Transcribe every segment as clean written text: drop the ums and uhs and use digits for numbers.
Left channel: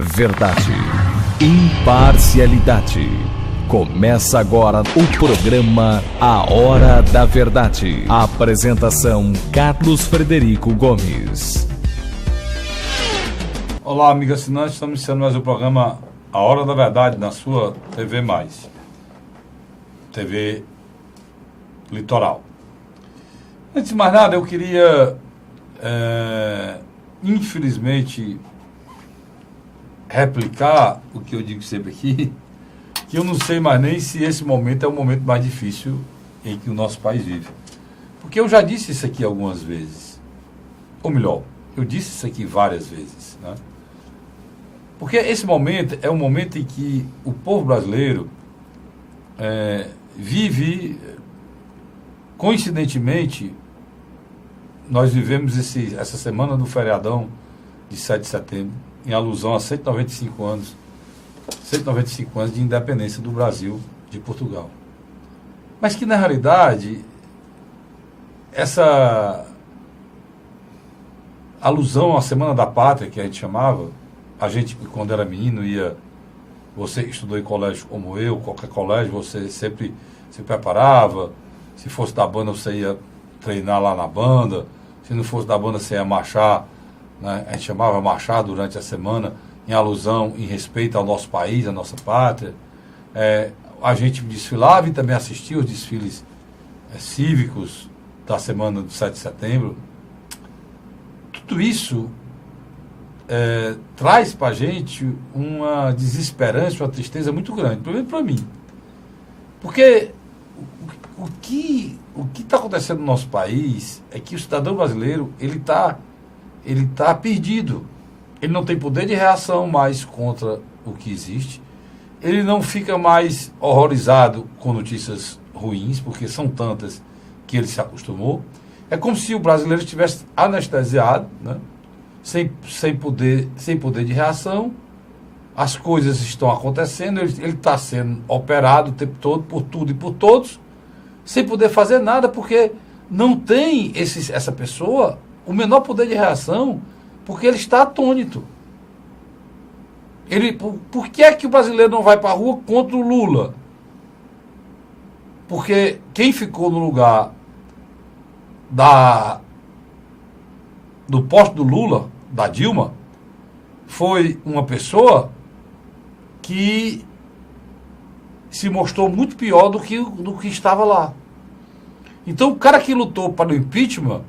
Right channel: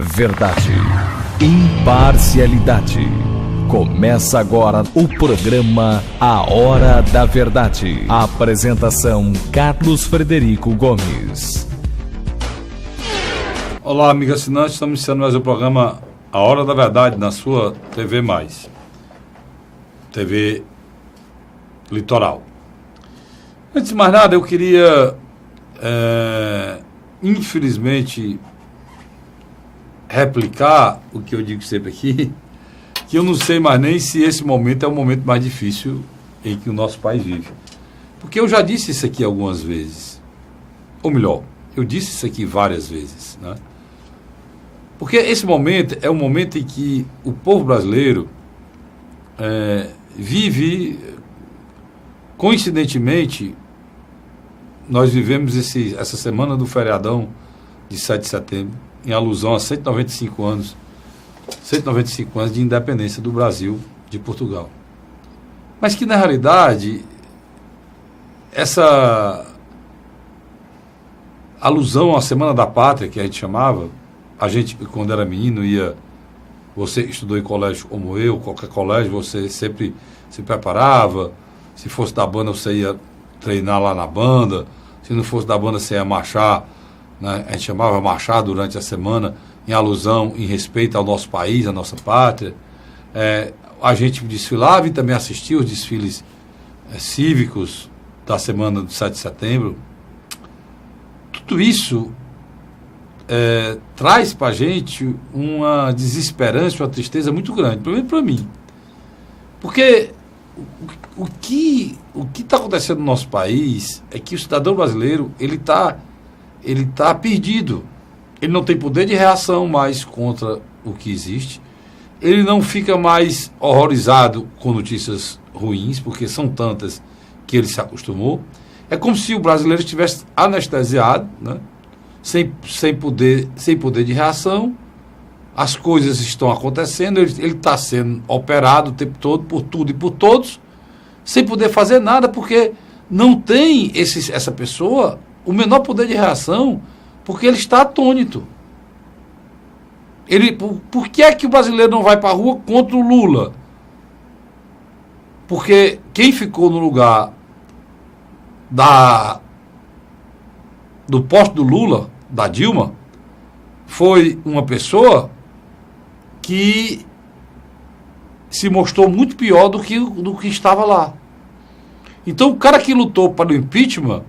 Verdade, imparcialidade. Começa agora o programa A Hora da Verdade. Apresentação Carlos Frederico Gomes. Olá, amigos assinantes, estamos iniciando mais o programa A Hora da Verdade na sua TV+, TV Litoral. Antes de mais nada, eu queria, infelizmente, replicar o que eu digo sempre aqui, que eu não sei mais nem se esse momento é o momento mais difícil em que o nosso país vive. Porque eu já disse isso aqui algumas vezes. Ou melhor, eu disse isso aqui várias vezes, né? Porque esse momento é um momento em que o povo brasileiro vive, coincidentemente, nós vivemos essa semana do feriadão de 7 de setembro, em alusão a 195 anos de independência do Brasil de Portugal. Mas que, na realidade, essa alusão à Semana da Pátria, que a gente chamava, a gente, quando era menino, você estudou em colégio como eu, qualquer colégio, você sempre se preparava, se fosse da banda, você ia treinar lá na banda, se não fosse da banda, você ia marchar, né? A gente chamava marchar durante a semana, em alusão, em respeito ao nosso país, à nossa pátria. A gente desfilava e também assistia os desfiles cívicos da semana do 7 de setembro. Tudo isso traz para a gente uma desesperança, uma tristeza muito grande, pelo menos para mim. Porque o que está acontecendo no nosso país é que o cidadão brasileiro ele tá perdido. Ele não tem poder de reação mais contra o que existe. Ele não fica mais horrorizado com notícias ruins, porque são tantas que ele se acostumou. É como se o brasileiro estivesse anestesiado, né? sem poder de reação. As coisas estão acontecendo, ele está sendo operado o tempo todo, por tudo e por todos, sem poder fazer nada, porque não tem essa pessoa o menor poder de reação, porque ele está atônito. Por que é que o brasileiro não vai para a rua contra o Lula? Porque quem ficou no lugar do posto do Lula, da Dilma, foi uma pessoa que se mostrou muito pior do que estava lá. Então o cara que lutou para o impeachment,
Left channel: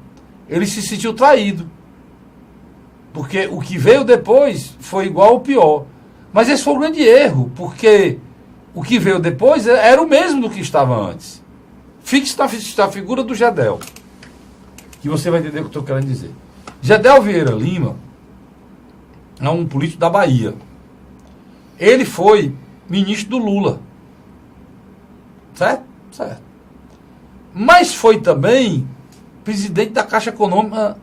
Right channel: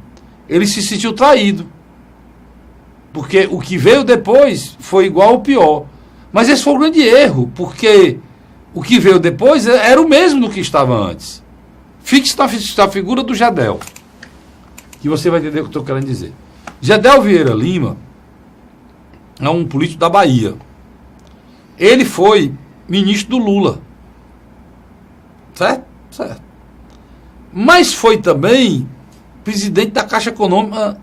ele se sentiu traído. Porque o que veio depois foi igual ao pior. Mas esse foi um grande erro, porque o que veio depois era o mesmo do que estava antes. Fixe a figura do Gedel, que você vai entender o que eu estou querendo dizer. Gedel Vieira Lima é um político da Bahia. Ele foi ministro do Lula. Certo? Certo. Mas foi também presidente da Caixa Econômica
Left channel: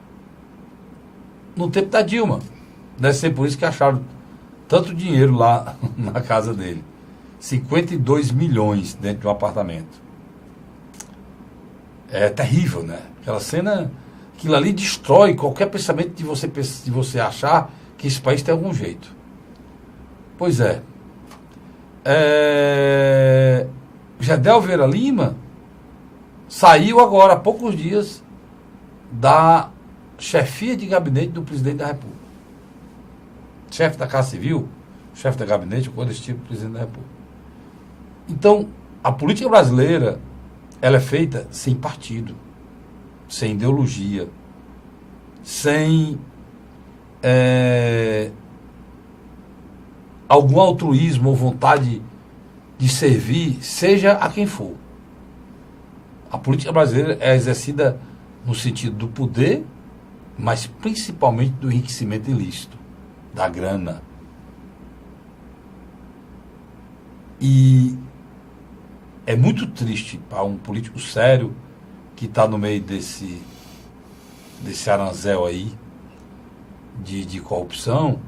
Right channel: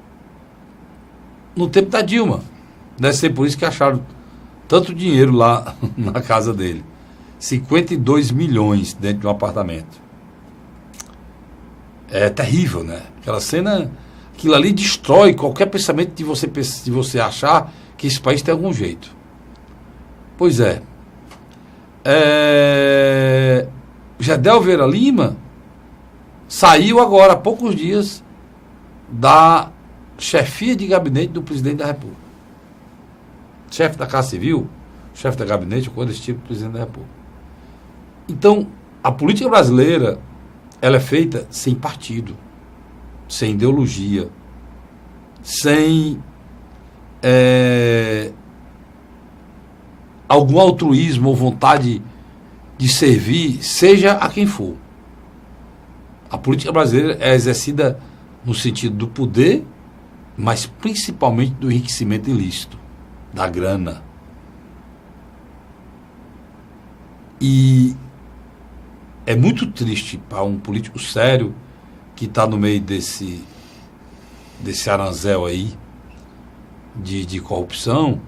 no tempo da Dilma. Deve ser por isso que acharam tanto dinheiro lá na casa dele. 52 milhões dentro de um apartamento. É terrível, né? Aquela cena, aquilo ali destrói qualquer pensamento de você achar que esse país tem algum jeito. Pois é. Gedel Vieira Lima saiu agora há poucos dias da chefia de gabinete do presidente da República. Chefe da Casa Civil, chefe da gabinete, coisa desse tipo, presidente da República. Então, a política brasileira, ela é feita sem partido, sem ideologia, sem algum altruísmo ou vontade de servir, seja a quem for. A política brasileira é exercida no sentido do poder, mas principalmente do enriquecimento ilícito, da grana. E é muito triste para um político sério que está no meio desse aranzel aí de corrupção,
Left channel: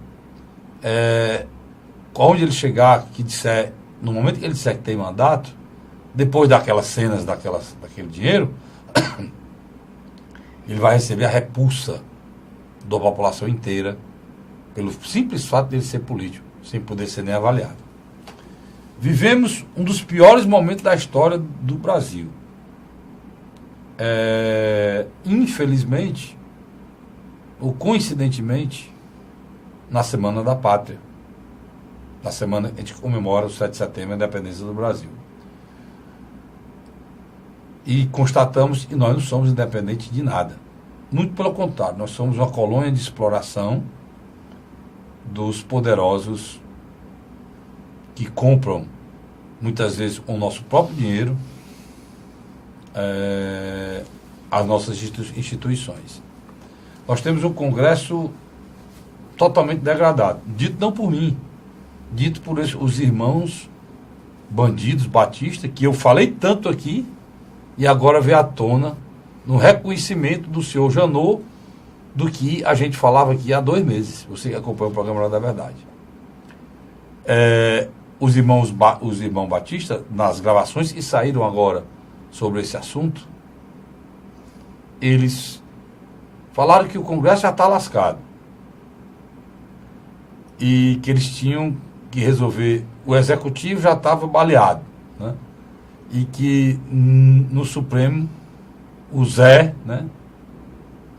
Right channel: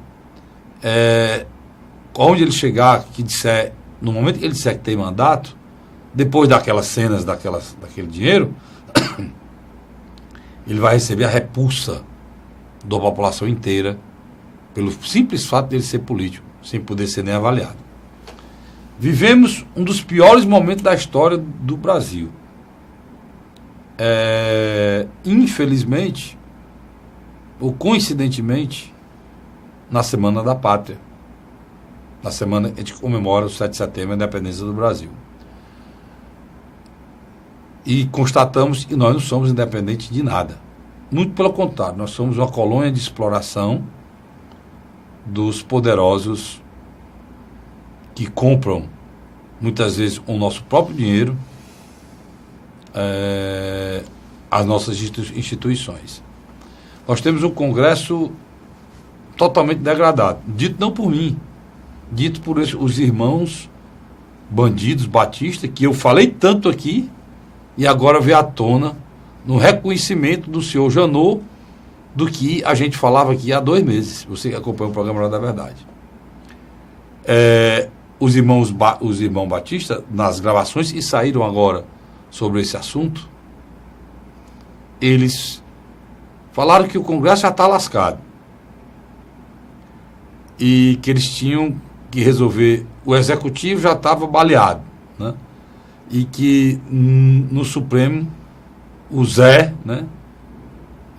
onde ele chegar, que disser, no momento que ele disser que tem mandato, depois daquelas cenas, daquele dinheiro, ele vai receber a repulsa da população inteira pelo simples fato de ele ser político, sem poder ser nem avaliado. Vivemos um dos piores momentos da história do Brasil. Infelizmente, ou coincidentemente, na Semana da Pátria, na semana que a gente comemora o 7 de setembro, a independência do Brasil. E constatamos que nós não somos independentes de nada. Muito pelo contrário, nós somos uma colônia de exploração dos poderosos que compram, muitas vezes, com o nosso próprio dinheiro, as nossas instituições. Nós temos um Congresso totalmente degradado, dito não por mim, dito por os irmãos bandidos Batista, que eu falei tanto aqui, e agora veio à tona no reconhecimento do senhor Janot do que a gente falava aqui há 2 meses. Você que acompanha o programa Hora da Verdade. Os irmãos Batista, nas gravações que saíram agora sobre esse assunto, eles falaram que o Congresso já está lascado e que eles tinham que resolver, o Executivo já estava baleado, né? E que no Supremo o Zé, né?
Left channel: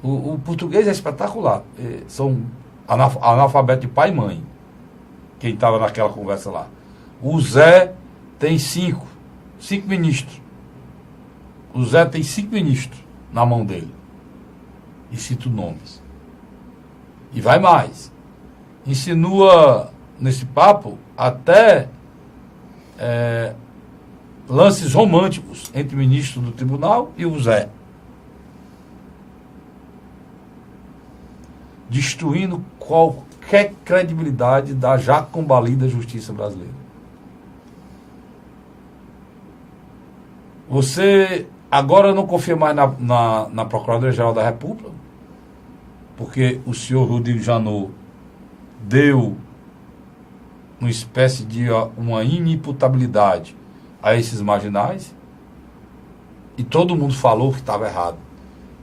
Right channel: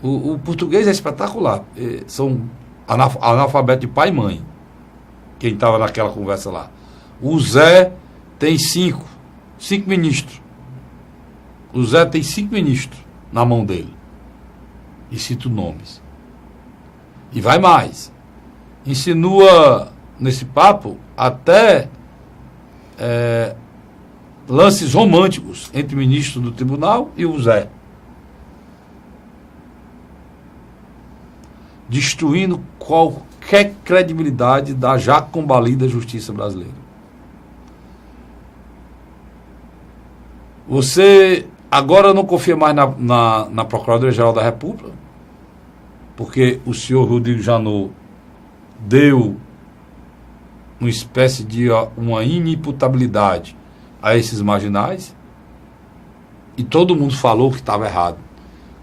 O português é espetacular, são analfabetos de pai e mãe, quem estava naquela conversa lá. O Zé tem 5 ministros. O Zé tem 5 ministros na mão dele. E cito nomes. E vai mais. Insinua nesse papo até lances românticos entre o ministro do tribunal e o Zé. Destruindo qualquer credibilidade da já combalida justiça brasileira. Você agora não confia mais na Procuradoria-Geral da República, porque o senhor Rodrigo Janot deu uma espécie de uma inimputabilidade a esses marginais, e todo mundo falou que estava errado.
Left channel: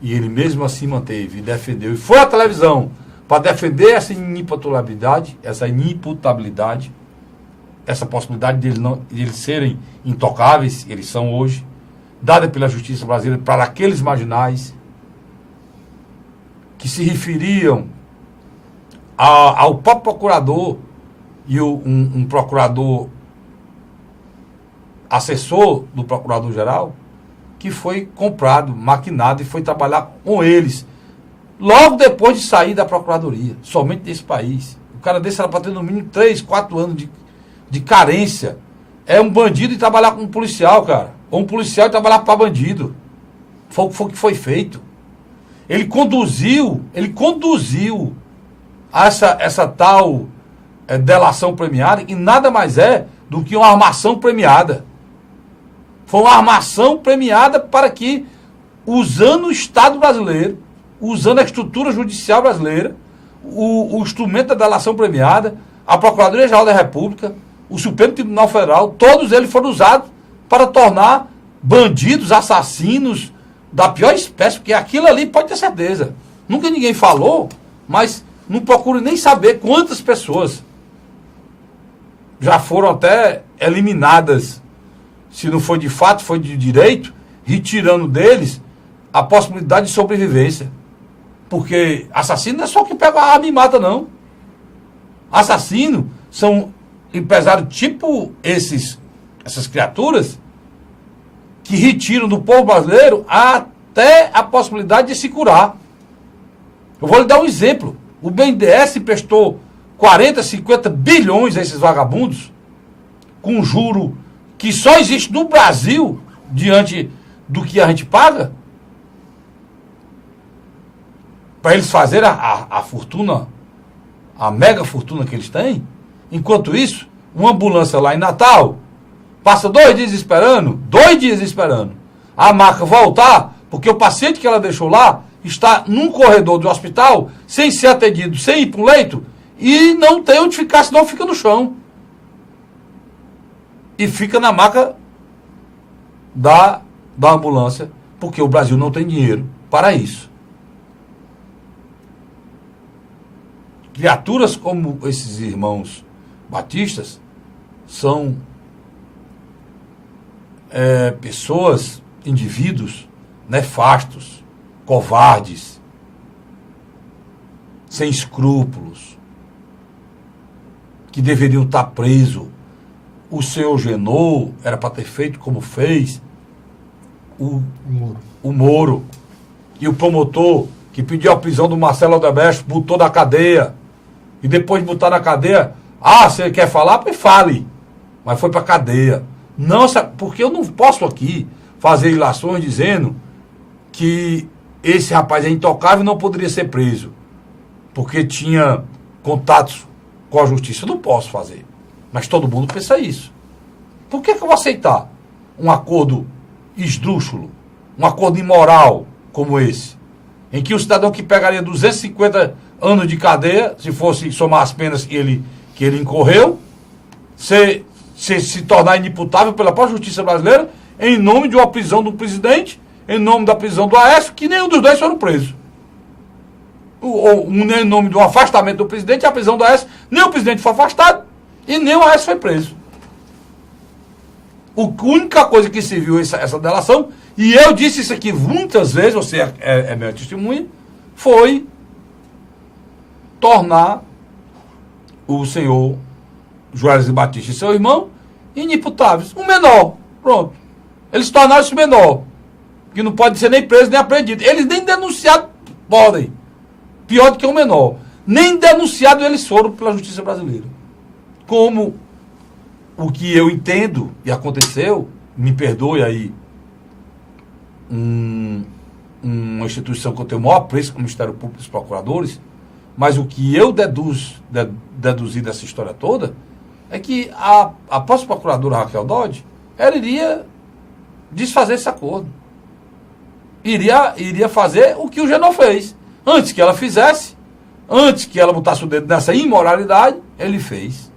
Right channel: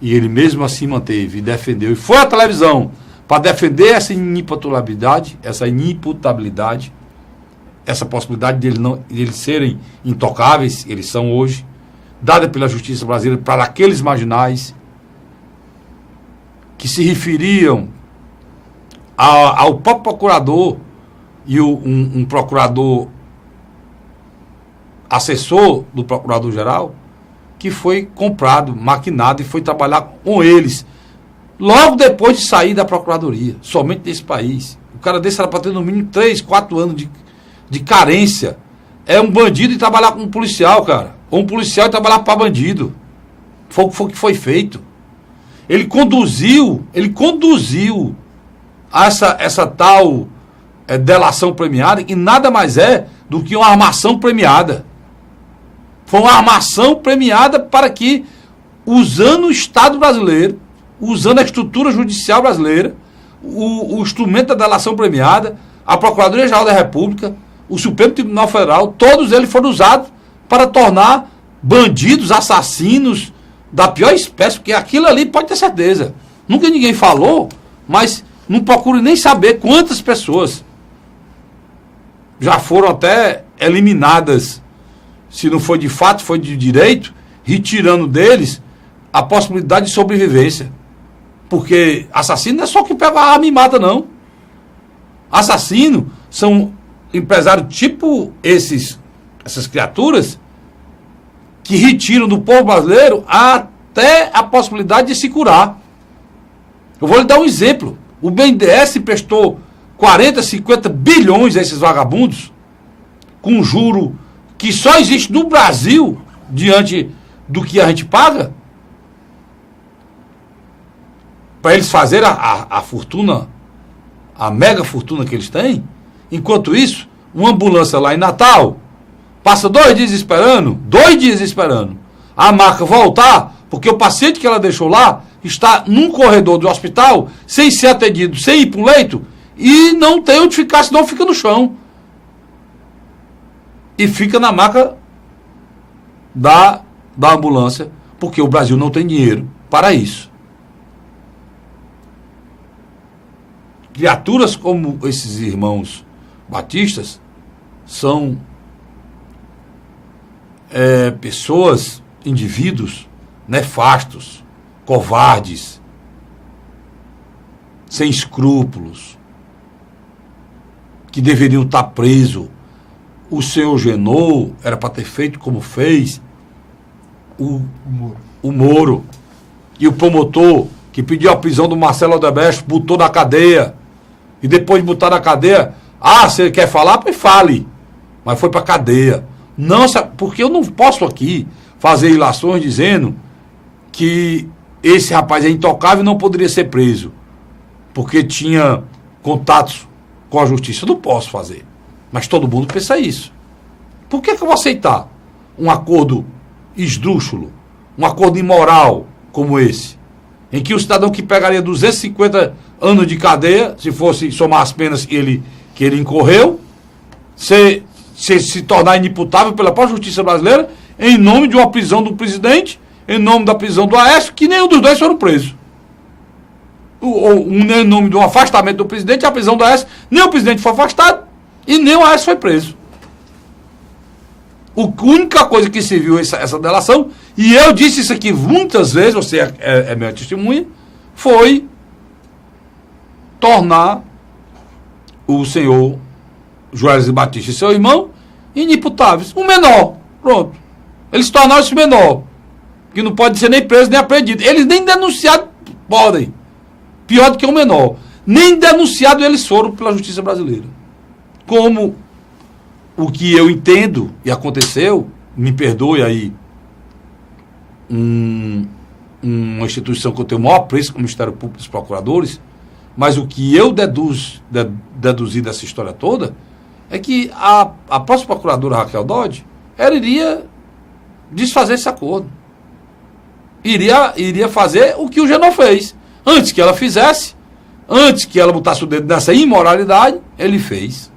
E ele mesmo assim manteve e defendeu, e foi à televisão para defender essa inimputabilidade, essa possibilidade de eles serem intocáveis, eles são hoje, dada pela justiça brasileira para aqueles marginais que se referiam ao próprio procurador e um procurador assessor do procurador-geral, que foi comprado, maquinado e foi trabalhar com eles logo depois de sair da procuradoria, somente desse país. O cara desse era para ter no mínimo 3, 4 anos de carência. É um bandido e trabalhar com um policial, cara. Ou um policial e trabalhar para bandido. Foi o que foi feito. Ele conduziu essa tal delação premiada, que nada mais é do que uma armação premiada. Foi uma armação premiada para que, usando o Estado brasileiro, usando a estrutura judicial brasileira, o instrumento da delação premiada, a Procuradoria-Geral da República, o Supremo Tribunal Federal, todos eles foram usados para tornar bandidos, assassinos da pior espécie, porque aquilo ali pode ter certeza. Nunca ninguém falou, mas não procure nem saber quantas pessoas já foram até eliminadas, se não foi de fato, foi de direito, retirando deles a possibilidade de sobrevivência. Porque assassino não é só que pega a arma e mata, não. Assassino são empresários tipo essas criaturas que retiram do povo brasileiro até a possibilidade de se curar. Eu vou lhe dar um exemplo. O BNDES prestou 40, 50 bilhões a esses vagabundos, com juro que só existe no Brasil, diante do que a gente paga, para eles fazerem a fortuna, a mega fortuna que eles têm. Enquanto isso, uma ambulância lá em Natal passa 2 dias esperando, a maca voltar, porque o paciente que ela deixou lá está num corredor do hospital, sem ser atendido, sem ir para o leito, e não tem onde ficar, senão fica no chão. E fica na maca da ambulância, porque o Brasil não tem dinheiro para isso. criaturas como esses irmãos batistas são pessoas, indivíduos nefastos, covardes, sem escrúpulos, que deveriam estar presos. O senhor Genô era para ter feito como fez o Moro. E o promotor que pediu a prisão do Marcelo Odebrecht botou na cadeia. E depois de botar na cadeia, se ele quer falar, fale. Mas foi para cadeia. Não, porque eu não posso aqui fazer ilações dizendo que esse rapaz é intocável e não poderia ser preso, porque tinha contatos com a justiça. Eu não posso fazer. Mas todo mundo pensa isso. Por que eu vou aceitar um acordo esdrúxulo, um acordo imoral como esse, em que o cidadão que pegaria 250 anos de cadeia, se fosse somar as penas que ele incorreu, se tornar inimputável pela própria justiça brasileira, em nome de uma prisão do presidente, em nome da prisão do Aécio, que nenhum dos dois foram presos. Em nome do afastamento do presidente, a prisão do Aécio, nem o presidente foi afastado e nem o Aécio foi preso. A única coisa que se viu essa delação, e eu disse isso aqui muitas vezes, você é minha testemunha, foi tornar o senhor Joesley Batista e seu irmão inimputáveis. O menor, pronto. Eles tornaram-se menor, que não pode ser nem preso nem apreendido. Eles nem denunciados podem. Pior do que o menor. Nem denunciados eles foram pela justiça brasileira. Como o que eu entendo e aconteceu, me perdoe aí, uma instituição que eu tenho o maior apreço com o Ministério Público dos Procuradores, mas o que eu deduzi dessa história toda é que a própria procuradora Raquel Dodge, ela iria desfazer esse acordo. Iria fazer o que o Genô fez. Antes que ela fizesse, antes que ela botasse o dedo nessa imoralidade, ele fez.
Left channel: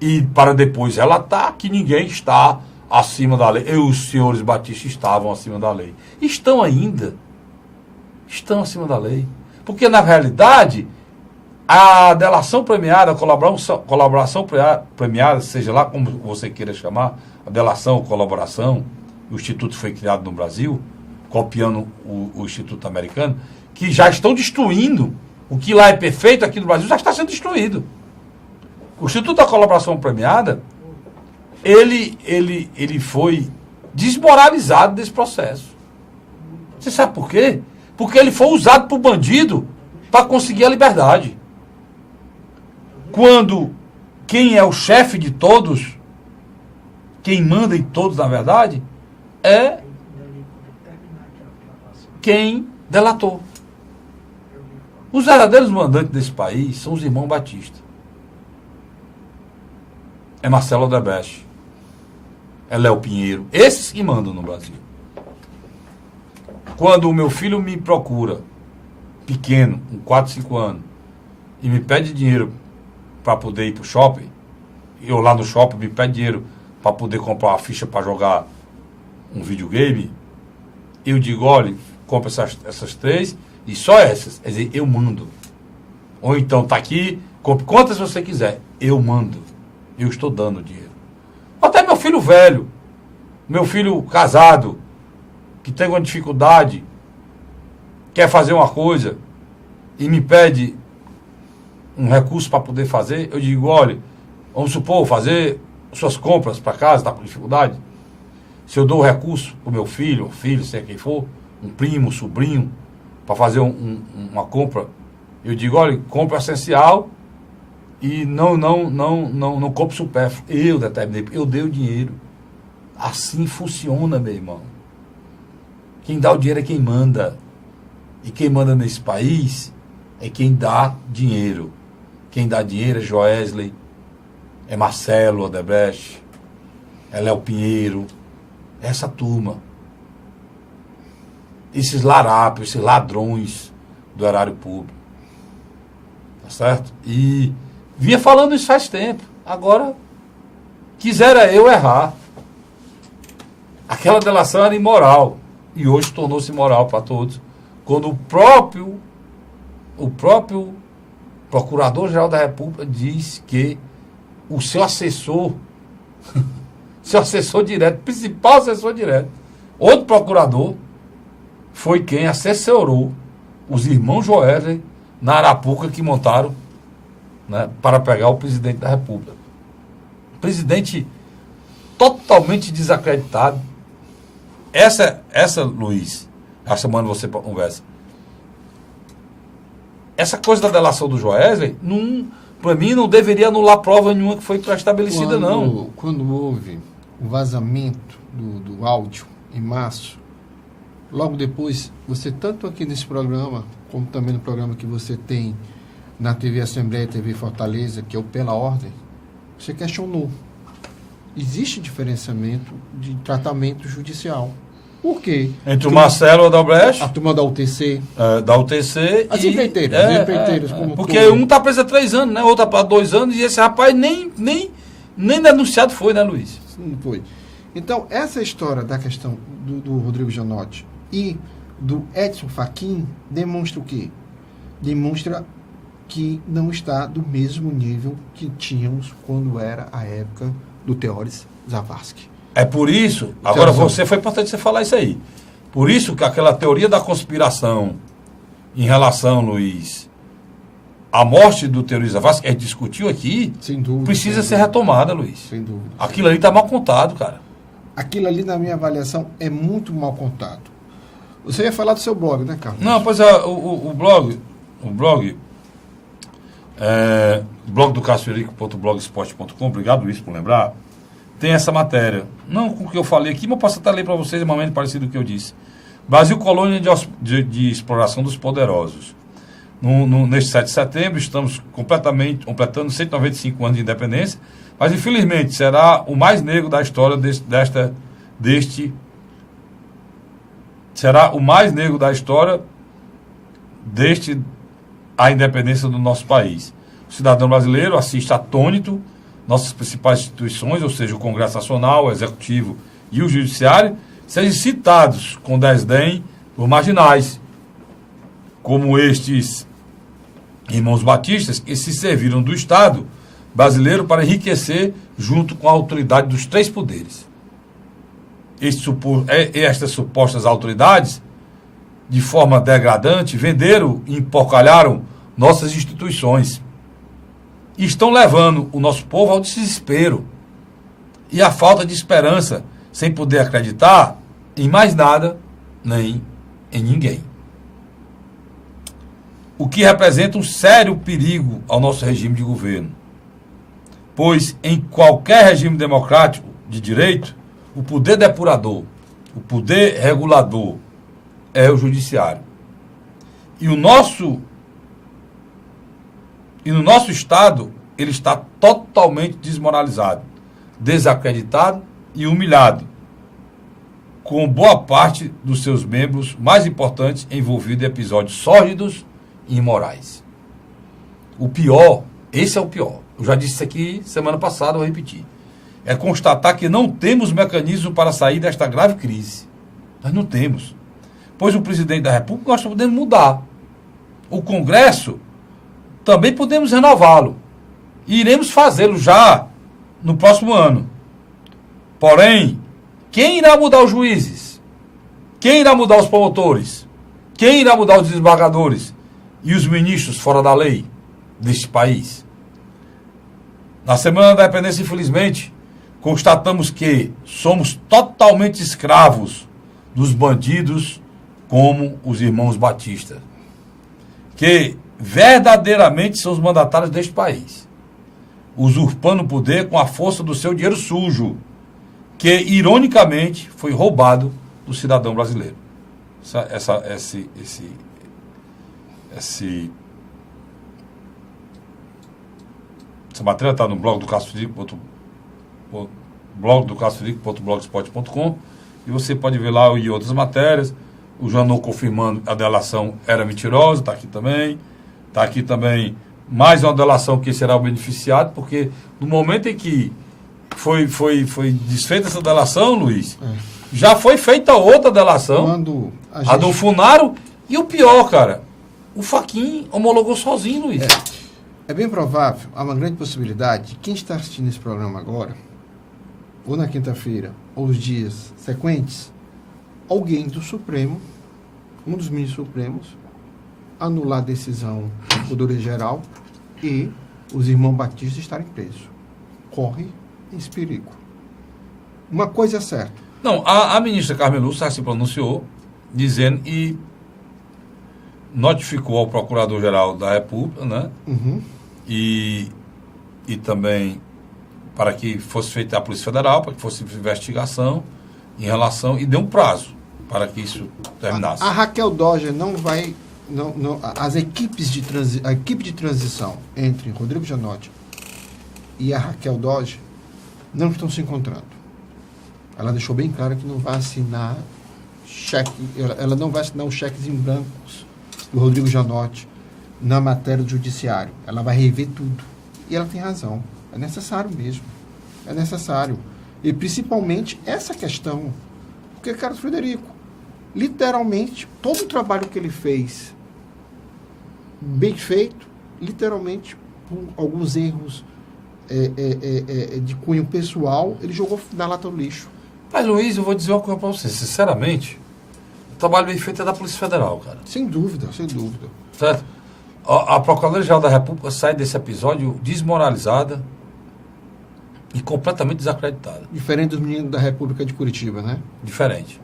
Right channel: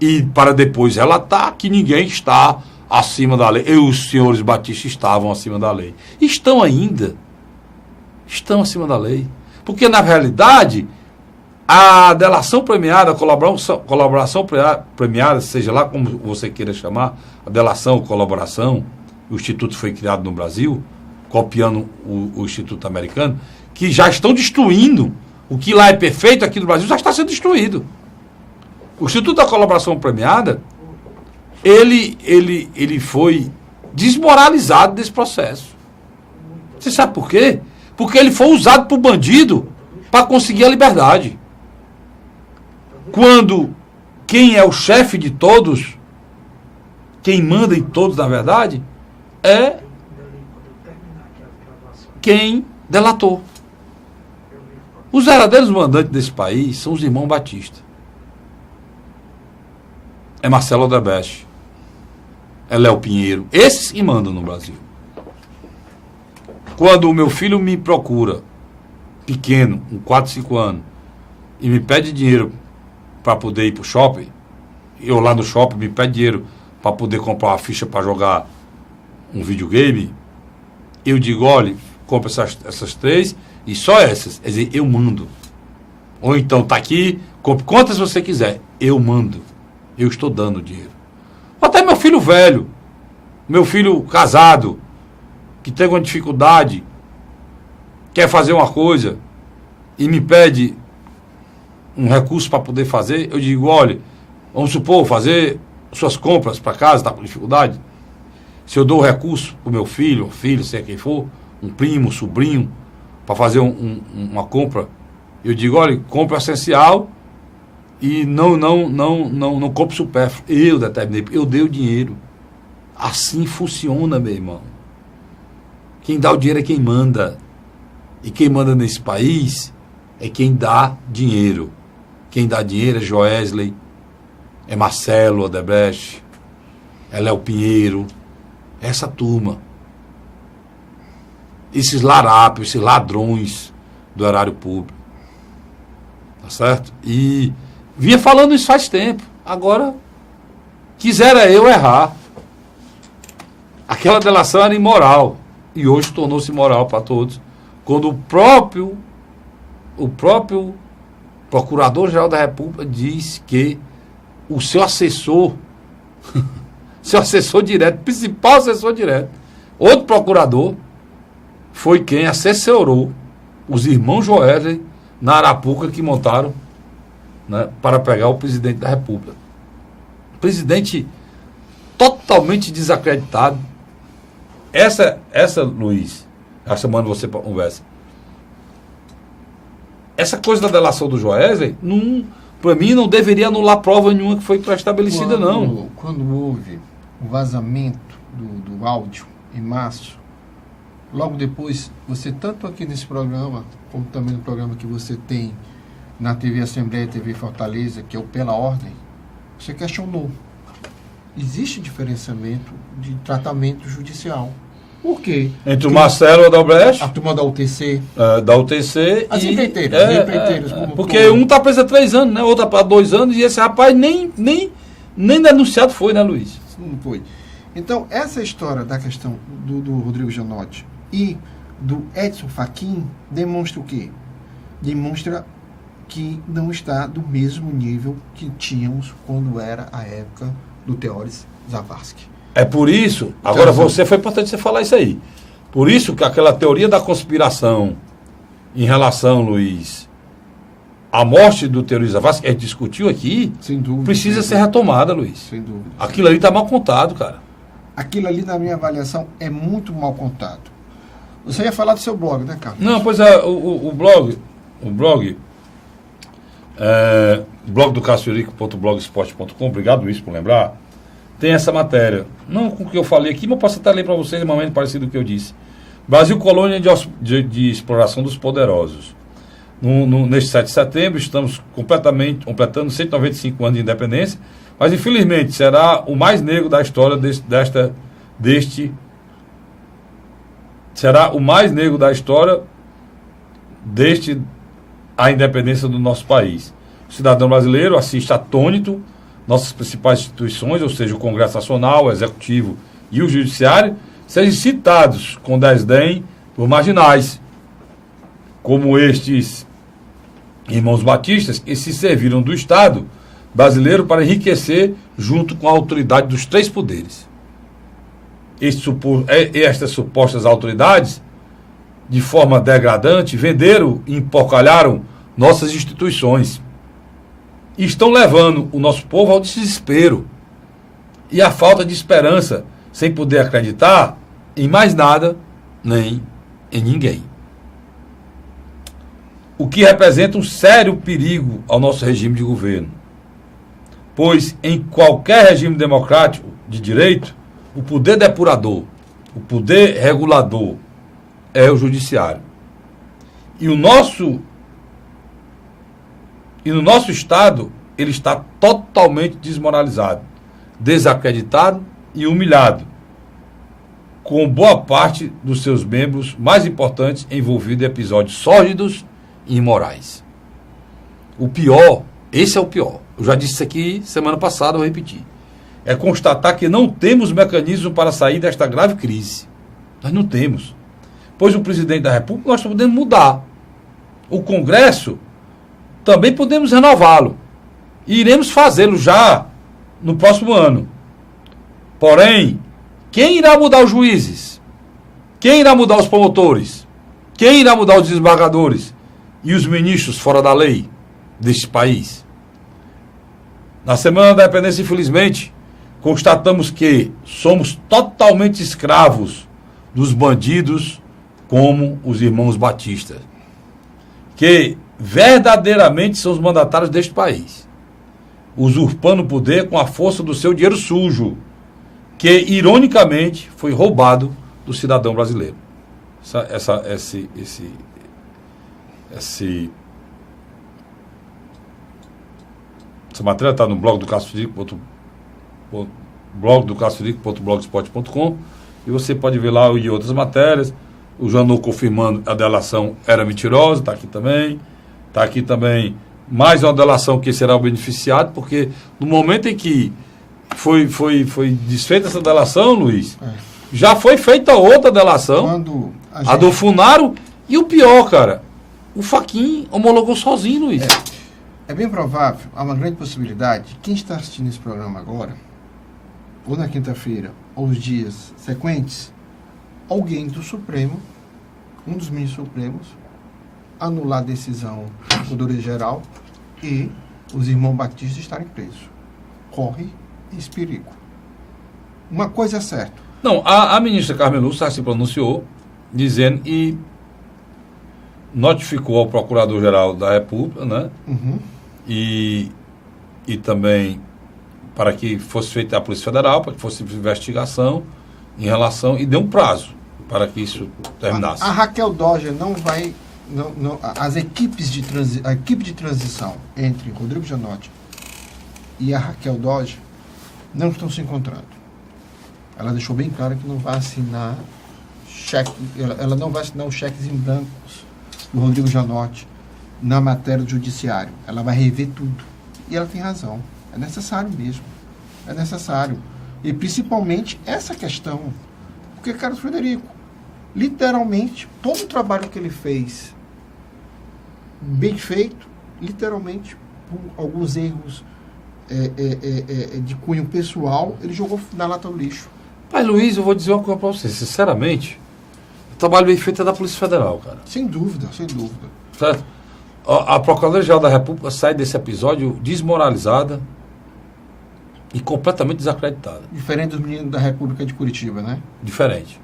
E para depois relatar que ninguém está acima da lei. Os senhores batistas estavam acima da lei. Estão ainda. Estão acima da lei. Porque, na realidade, a delação premiada, a colaboração premiada, seja lá como você queira chamar, a delação, colaboração, o Instituto foi criado no Brasil, copiando o Instituto americano, que já estão destruindo o que lá é perfeito aqui no Brasil, já está sendo destruído. O Instituto da Colaboração Premiada, ele foi desmoralizado desse processo. Você sabe por quê? Porque ele foi usado por bandido para conseguir a liberdade. Quando quem é o chefe de todos, quem manda em todos, na verdade, é quem delatou. Os verdadeiros mandantes desse país são os irmãos Batista. É Marcelo Odebrecht. É Léo Pinheiro. Esses que mandam no Brasil. Quando o meu filho me procura, pequeno, com 4, 5 anos, e me pede dinheiro para poder ir para o shopping, eu lá no shopping me pede dinheiro para poder comprar uma ficha para jogar um videogame, eu digo, olha, compra essas 3 e só essas. Quer dizer, eu mando. Ou então, tá aqui, compre quantas você quiser. Eu mando. Eu estou dando dinheiro. Até meu filho velho, meu filho casado, que tem uma dificuldade, quer fazer uma coisa e me pede um recurso para poder fazer, eu digo, olha, vamos supor, fazer suas compras para casa, está com dificuldade. Se eu dou o recurso para o meu filho, sei quem for, um primo, um sobrinho, para fazer uma compra, eu digo, olha, compra essencial e não compre supérfluo. Eu determinei, eu dei o dinheiro. Assim funciona, meu irmão. Quem dá o dinheiro é quem manda. E quem manda nesse país é quem dá dinheiro. Quem dá dinheiro é Joesley, é Marcelo Odebrecht, é Léo Pinheiro, é essa turma. Esses larápios, esses ladrões do erário público. Tá certo? E vinha falando isso faz tempo. Agora, quisera eu errar. Aquela delação era imoral. E hoje tornou-se imoral para todos. Quando o próprio Procurador-Geral da República diz que o seu assessor, seu assessor direto, principal assessor direto, outro procurador, foi quem assessorou os irmãos Joesley na Arapuca que montaram, né, para pegar o presidente da República. Presidente totalmente desacreditado. Essa Luiz, a semana você conversa. Essa coisa da delação do Joesley, para mim, não deveria anular prova nenhuma que foi pré-estabelecida, não. Quando houve o vazamento do áudio em março, logo depois, você, tanto aqui nesse programa, como também no programa que você tem na TV Assembleia e TV Fortaleza, que é o Pela Ordem, você questionou. Existe diferenciamento de tratamento judicial. Por quê? Entre o Marcelo Odebrecht, a turma da UTC. Da UTC As e... empreiteiras. Porque um está preso há 3 anos, né? Outro está há 2 anos, e esse rapaz nem denunciado foi, né, Luiz? Não foi. Então, essa história da questão do Rodrigo Janotti e do Edson Fachin demonstra o quê? Demonstra que não está do mesmo nível que tínhamos quando era a época do Teóris Zavascki. É por isso, agora foi importante você falar isso aí. Por isso que aquela teoria da conspiração em relação, Luiz, à morte do Teóris Zavascki, que a gente discutiu aqui, sem dúvida, precisa ser retomada, Luiz. Sem dúvida. Aquilo ali está mal contado, cara. Aquilo ali, na minha avaliação, é muito mal contado. Você ia falar do seu blog, né, Carlos? Não, pois é, o blog do cassiofrederico.blogspot.com, obrigado, Luiz, por lembrar, tem essa matéria. Não com o que eu falei aqui, mas eu posso até ler para vocês, um momento parecido com o que eu disse. Brasil, colônia de exploração dos poderosos. Neste 7 de setembro, estamos completando 195 anos de independência, mas infelizmente será o mais negro da história será o mais negro da história a independência do nosso país. O cidadão brasileiro assiste atônito nossas principais instituições, ou seja, o Congresso Nacional, o Executivo e o Judiciário, sejam citados com desdém por marginais, como estes irmãos batistas, que se serviram do Estado brasileiro para enriquecer junto com a autoridade dos 3 poderes. Estas supostas autoridades, de forma degradante, venderam e empocalharam nossas instituições. E estão levando o nosso povo ao desespero e à falta de esperança, sem poder acreditar em mais nada, nem em ninguém. O que representa um sério perigo ao nosso regime de governo. Pois em qualquer regime democrático de direito, o poder depurador, o poder regulador é o judiciário. E no nosso Estado, ele está totalmente desmoralizado, desacreditado e humilhado, com boa parte dos seus membros mais importantes envolvidos em episódios sórdidos e imorais. O pior, esse é o pior, eu já disse isso aqui semana passada, vou repetir, é constatar que não temos mecanismo para sair desta grave crise. Nós não temos. Pois o presidente da República nós podemos mudar. O Congresso também podemos renová-lo. E iremos fazê-lo já no próximo ano. Porém, quem irá mudar os juízes? Quem irá mudar os promotores? Quem irá mudar os desembargadores? E os ministros fora da lei deste país? Na Semana da Independência, infelizmente, constatamos que somos totalmente escravos dos bandidos como os irmãos batistas, que verdadeiramente são os mandatários deste país, usurpando o poder com a força do seu dinheiro sujo, que ironicamente foi roubado do cidadão brasileiro. Essa matéria está no blog do cassiofrederico.blogspot.com, e você pode ver lá e outras matérias. O Janot confirmando a delação era mentirosa, está aqui também. Está aqui também mais uma delação que será o beneficiado, porque no momento em que foi desfeita essa delação, Luiz, já foi feita outra delação, a do Funaro, e o pior, cara, o Fachin homologou sozinho, Luiz. É bem provável, há uma grande possibilidade, quem está assistindo esse programa agora, ou na quinta-feira, ou os dias sequentes, alguém do Supremo, um dos ministros supremos, anular a decisão do Poder Geral e os irmãos Batista estarem presos. Corre esse perigo. Uma coisa é certa. Não, a ministra Carmen Lúcia se pronunciou dizendo e notificou ao Procurador-Geral da República, né? E também para que fosse feita a Polícia Federal, para que fosse investigação em relação, e deu um prazo para que isso terminasse. A Raquel Dodge não vai, a equipe de transição entre Rodrigo Janot e a Raquel Dodge não estão se encontrando. Ela deixou bem claro que não vai assinar cheque, ela não vai assinar os cheques em brancos do Rodrigo Janot na matéria do judiciário. Ela vai rever tudo. E ela tem razão. É necessário mesmo. É necessário. E principalmente essa questão. Porque, Carlos Frederico, literalmente, todo o trabalho que ele fez, bem feito, literalmente, por alguns erros de cunho pessoal, ele jogou na lata do lixo. Mas, Luiz, eu vou dizer uma coisa para você. Sinceramente, o trabalho bem feito é da Polícia Federal, cara. Sem dúvida, sem dúvida. Certo? A Procuradoria-Geral da República sai desse episódio desmoralizada e completamente desacreditada. Diferente dos meninos da República de Curitiba, né? Diferente.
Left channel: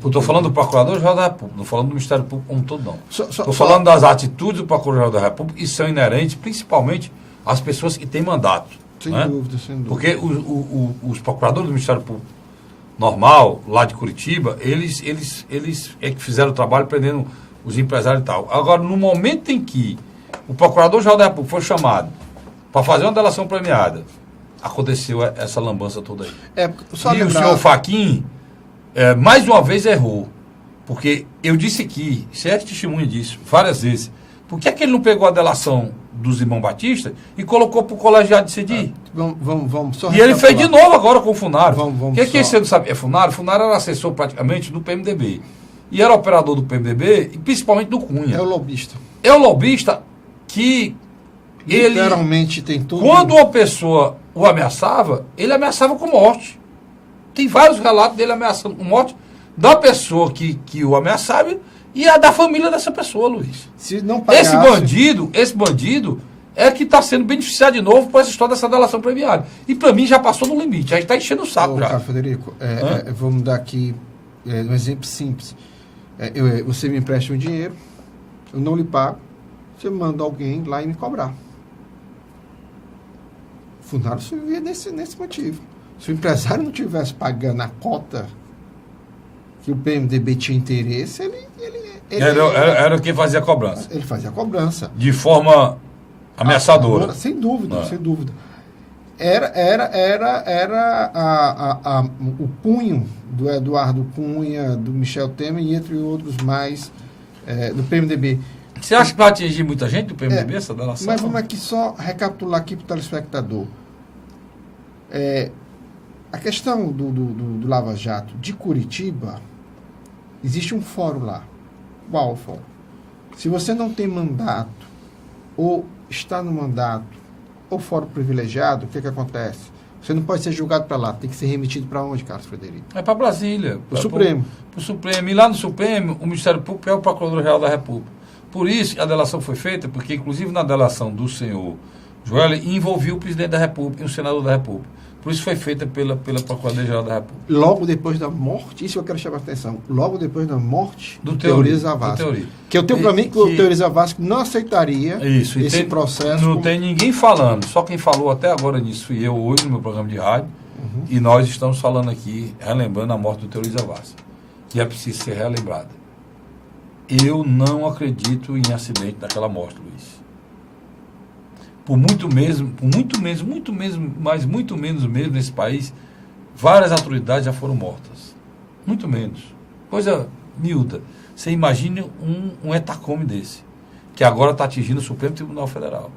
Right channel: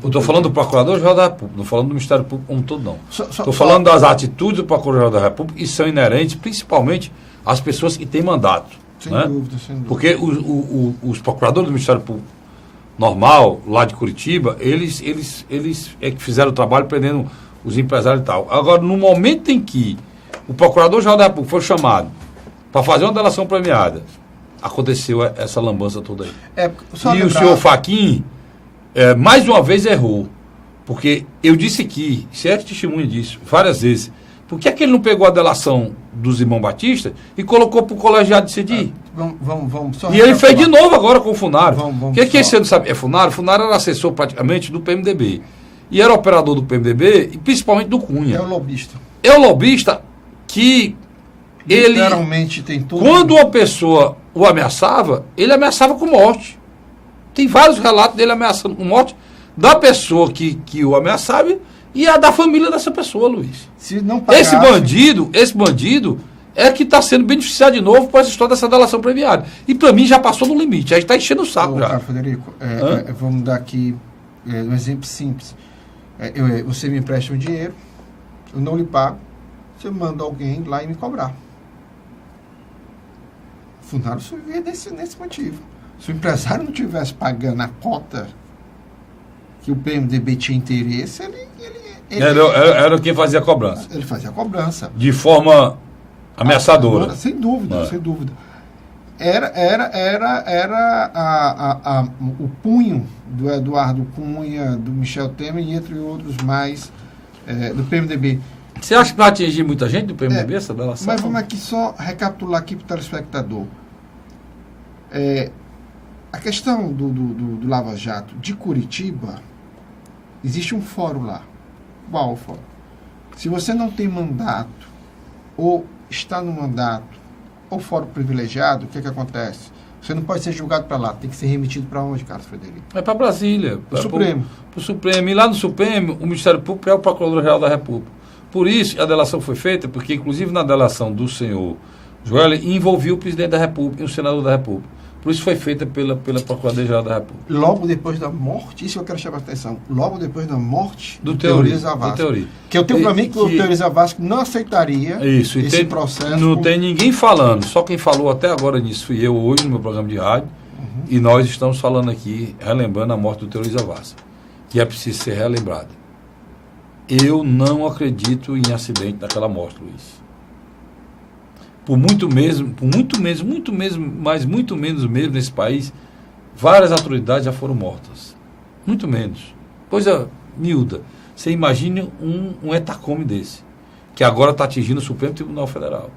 Eu estou falando do Procurador-Geral da República, não falando do Ministério Público como um todo, não. Estou falando das atitudes do Procurador-Geral da República e são inerentes, principalmente, às pessoas que têm mandato. Sem né? dúvida, sem dúvida. Porque os procuradores do Ministério Público normal, lá de Curitiba, eles é que fizeram o trabalho prendendo os empresários e tal. Agora, no momento em que o Procurador-Geral da República foi chamado para fazer uma delação premiada, aconteceu essa lambança toda aí. E o senhor Fachin, mais uma vez, errou. Porque eu disse aqui, você é testemunha disso, várias vezes. Por que é que ele não pegou a delação dos irmãos Batista e colocou para o colegiado decidir? Vamos só e ele fez de novo agora com o Funaro. O que você não sabe? Funaro? Funaro era assessor praticamente do PMDB. E era operador do PMDB e principalmente do Cunha. É o lobista. É o lobista que ele... Literalmente tem tudo. Quando uma pessoa o ameaçava, ele ameaçava com morte. Tem vários relatos dele ameaçando com morte da pessoa que o ameaçava e a da família dessa pessoa, Luiz. Se não pagasse... Esse bandido é que está sendo beneficiado de novo por essa história dessa delação premiada. E para mim já passou do limite, já está enchendo o saco. Já. Frederico, vamos dar aqui um exemplo simples. Você me empresta um dinheiro, eu não lhe pago, você manda alguém lá e me cobrar. O Funaro se vê nesse motivo. Se o empresário não estivesse pagando a cota que o PMDB tinha interesse, era quem fazia a cobrança. Ele fazia a cobrança. De forma ameaçadora. Sem dúvida, sem dúvida. Era o punho do Eduardo Cunha, do Michel Temer e entre outros mais do PMDB. Você acha que vai atingir muita gente do PMDB essa delação? Mas vamos aqui só recapitular aqui para o telespectador. A questão do Lava Jato de Curitiba, existe um fórum lá. Qual o fórum? Se você não tem mandato, ou está no mandato, ou fórum privilegiado, o que acontece? Você não pode ser julgado para lá, tem que ser remetido para onde, Carlos Frederico? É para Brasília. Para o Supremo. Para o Supremo. E lá no Supremo, o Ministério Público é o Procurador-Geral da República. Por isso, a delação foi feita, porque, inclusive, na delação do senhor Joel, envolvia o presidente da República e o senador da República. Por isso foi feita pela Procuradoria-Geral da República. Logo depois da morte, isso eu quero chamar a atenção, logo depois da morte do Teori Zavascki. Que eu tenho para mim que o Teori Zavascki não aceitaria esse processo. Não tem ninguém falando, só quem falou até agora nisso fui eu hoje no meu programa de rádio, e nós estamos falando aqui, relembrando a morte do Teori Zavascki, que é preciso ser relembrada. Eu não acredito em acidente daquela morte, Luiz. Muito menos mesmo nesse país, várias autoridades já foram mortas. Muito menos. Coisa miúda. Você imagine um etacome desse, que agora está atingindo o Supremo Tribunal Federal.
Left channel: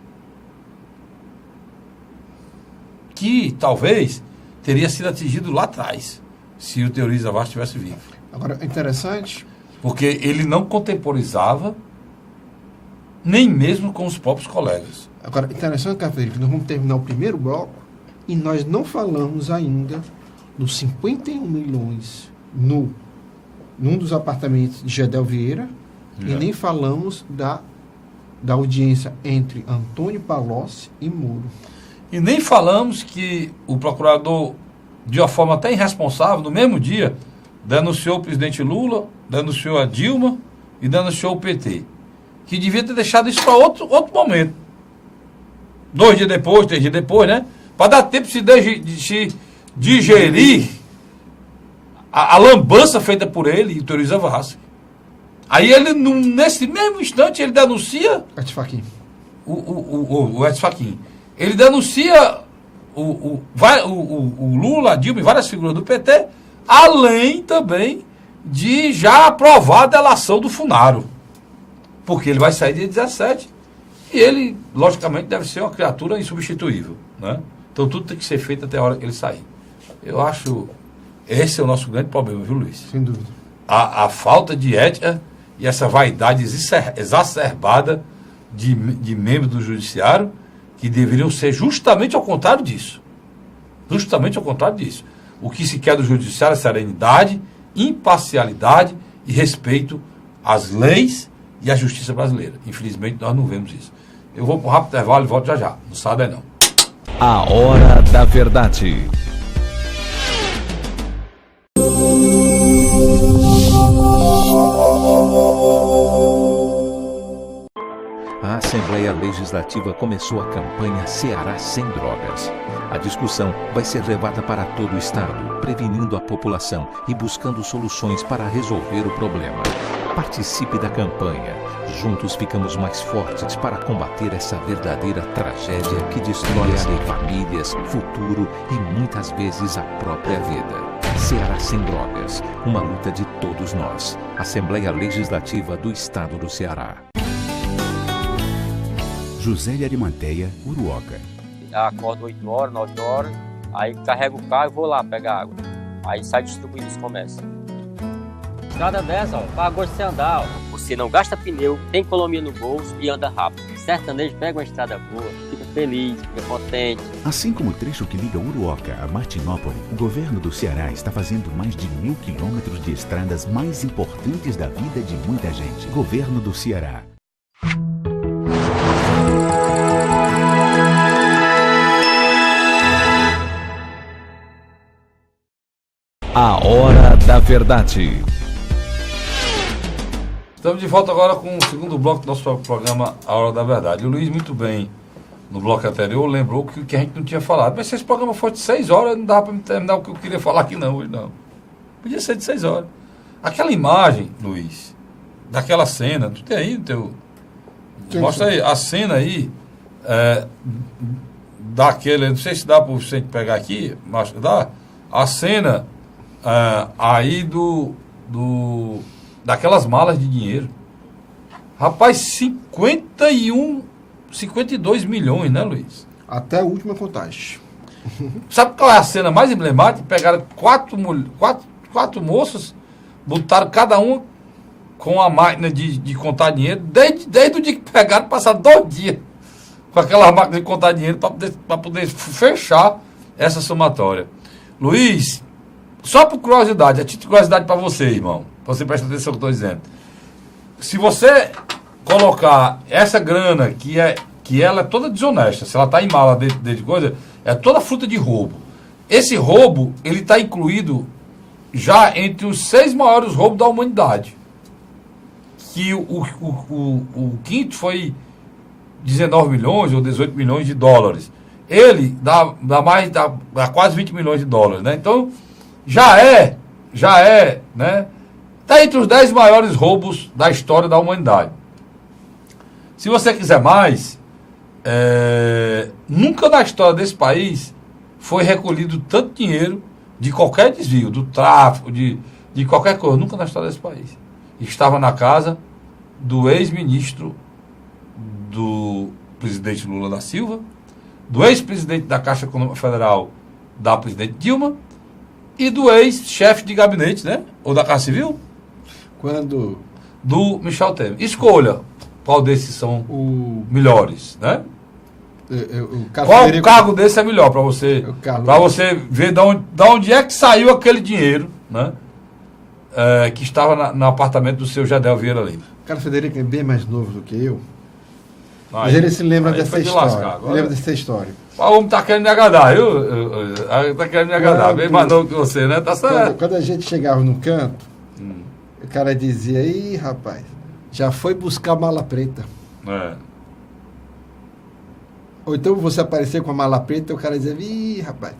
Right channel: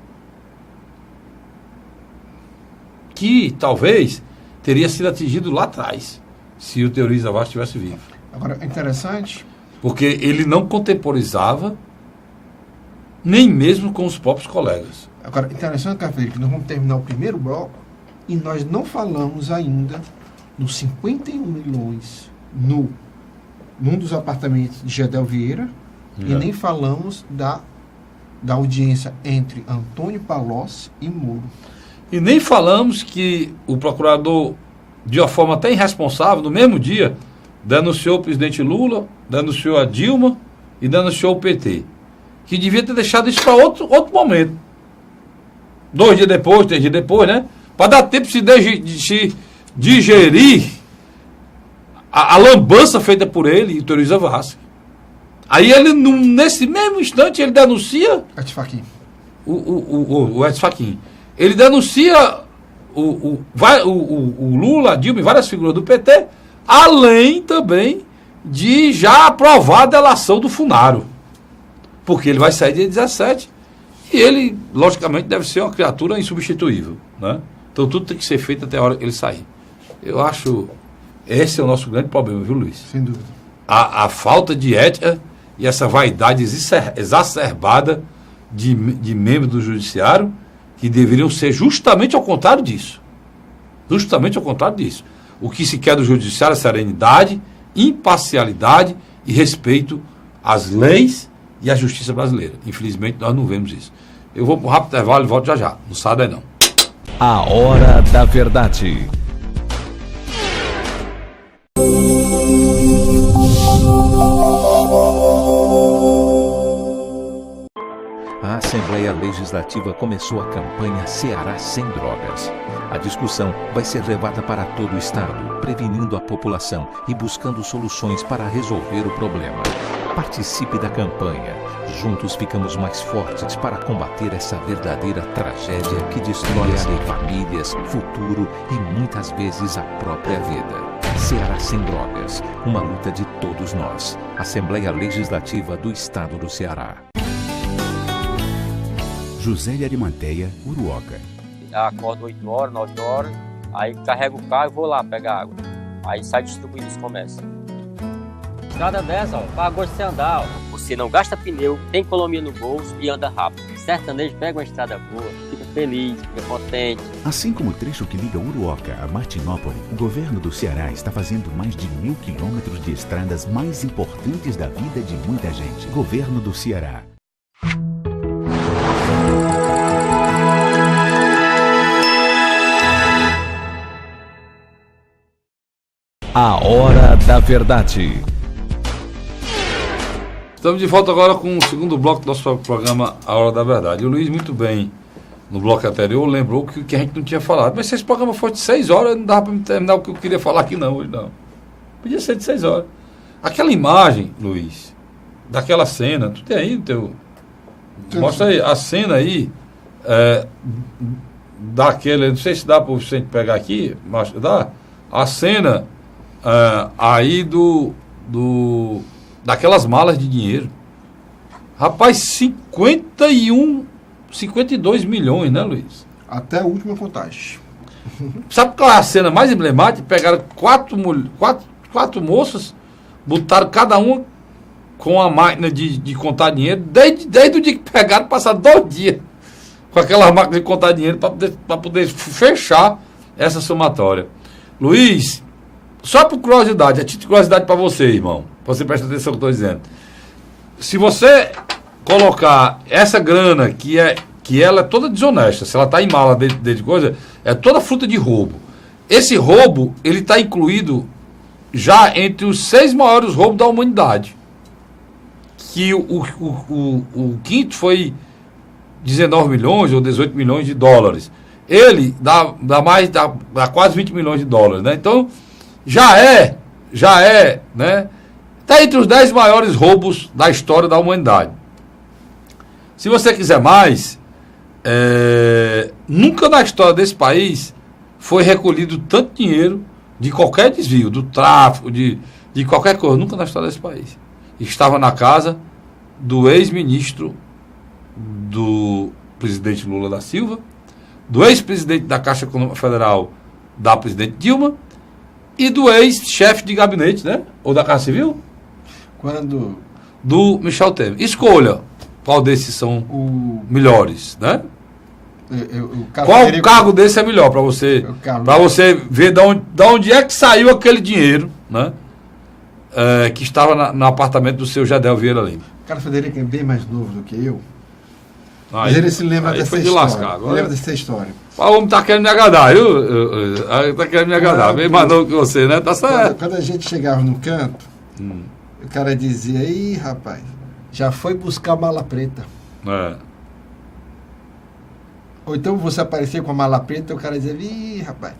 Que talvez teria sido atingido lá atrás, se o Teori Zavascki estivesse vivo. Agora, interessante. Porque ele não contemporizava nem mesmo com os próprios colegas. Agora, interessante, Frederico, que nós vamos terminar o primeiro bloco e nós não falamos ainda dos 51 milhões num dos apartamentos de Gedel Vieira e nem falamos da audiência entre Antônio Palocci e Moro. E nem falamos que o procurador, de uma forma até irresponsável, no mesmo dia, denunciou o presidente Lula, denunciou a Dilma e denunciou o PT. Que devia ter deixado isso para outro momento. 2 dias depois, 3 dias depois, né? Para dar tempo de se digerir a lambança feita por ele e Teori Zavascki. Aí ele, nesse mesmo instante, ele denuncia Edson Fachin. o Edson Fachin. Ele denuncia o Lula, a Dilma e várias figuras do PT, além também de já aprovar a delação do Funaro. Porque ele vai sair dia 17 e ele, logicamente, deve ser uma criatura insubstituível, né? Então tudo tem que ser feito até a hora que ele sair. Eu acho esse é o nosso grande problema, viu, Luiz? Sem dúvida. A falta de ética e essa vaidade exacerbada de membros do judiciário que deveriam ser justamente ao contrário disso. Justamente ao contrário disso. O que se quer do judiciário é serenidade, imparcialidade e respeito às leis e à justiça brasileira. Infelizmente, nós não vemos isso. Eu vou para um rápido intervalo e volto já já. Não sabe não. A Hora da Verdade. A Assembleia Legislativa começou a campanha Ceará Sem Drogas. A discussão vai ser levada para todo o estado, prevenindo a população e buscando soluções para resolver o problema. Participe da campanha. Juntos ficamos mais fortes para combater essa verdadeira tragédia que destrói famílias, futuro e muitas vezes a própria vida. Ceará Sem Drogas, uma luta de todos nós. Assembleia Legislativa do Estado do Ceará. José de Arimanteia, Uruoca. Acordo 8 horas, 9 horas, aí carrego o carro e vou lá pegar água. Aí sai distribuindo os comércios. Estrada dessa, ó, para gosto de você andar, ó. Você não gasta pneu, tem economia no bolso e anda rápido. Sertanejo pega uma estrada boa, fica feliz, fica contente. Assim como o trecho que liga Uruoca a Martinópole, o governo do Ceará está fazendo mais de 1.000 quilômetros de estradas mais importantes da vida de muita gente. Governo do Ceará. A Hora da Verdade. Estamos de volta agora com o segundo bloco do nosso programa A Hora da Verdade. E o Luiz, muito bem, no bloco anterior, lembrou que a gente não tinha falado. Mas se esse programa fosse de 6 horas, não dava para terminar o que eu queria falar aqui não, hoje não. Podia ser de 6 horas. Aquela imagem, Luiz, daquela cena, tu tem aí o teu... Mostra aí, a cena aí, daquele, não sei se dá para você pegar aqui, mas dá, a cena aí daquelas malas de dinheiro. Rapaz, 52 milhões, né, Luiz? Até a última contagem. Sabe qual é a cena mais emblemática? Pegaram quatro moças, botaram cada uma com a máquina de contar dinheiro, desde o dia que pegaram, passaram 2 dias com aquela máquina de contar dinheiro para poder fechar essa somatória. Luiz, só por curiosidade, a título de curiosidade para você, irmão, para você prestar atenção no que eu estou dizendo. Se você colocar essa grana, que ela é toda desonesta, se ela está em mala dentro de coisa, é toda fruta de roubo. Esse roubo, ele está incluído já entre os 6 maiores roubos da humanidade. Que o quinto foi 19 milhões ou 18 milhões de dólares. Ele dá quase 20 milhões de dólares, né? Então, já é, né? Está entre os 10 maiores roubos da história da humanidade. Se você quiser mais, nunca na história desse país foi recolhido tanto dinheiro de qualquer desvio, do tráfico, de qualquer coisa, nunca na história desse país. Estava na casa do ex-ministro do presidente Lula da Silva, do ex-presidente da Caixa Econômica Federal, da presidente Dilma, e do ex-chefe de gabinete, né? Ou da Casa Civil? Do Michel Temer. Escolha qual desses são melhores, né? Qual cargo desse é melhor para você? Carlos. Para você ver de onde é que saiu aquele dinheiro, né? Que estava no apartamento do seu Jadel Vieira Lima. O Carlos Frederico é bem mais novo do que eu. Aí, mas ele se lembra aí dessa foi de história. lascar, Ele lembra dessa história. O homem tá querendo me agradar, viu? Tá querendo me agradar. Bem mais novo que você, né? Tá certo. Quando a gente chegava no canto, o cara dizia, ih, rapaz, já foi buscar mala preta. Ou então você aparecer com a mala preta e o cara dizia, ih, rapaz,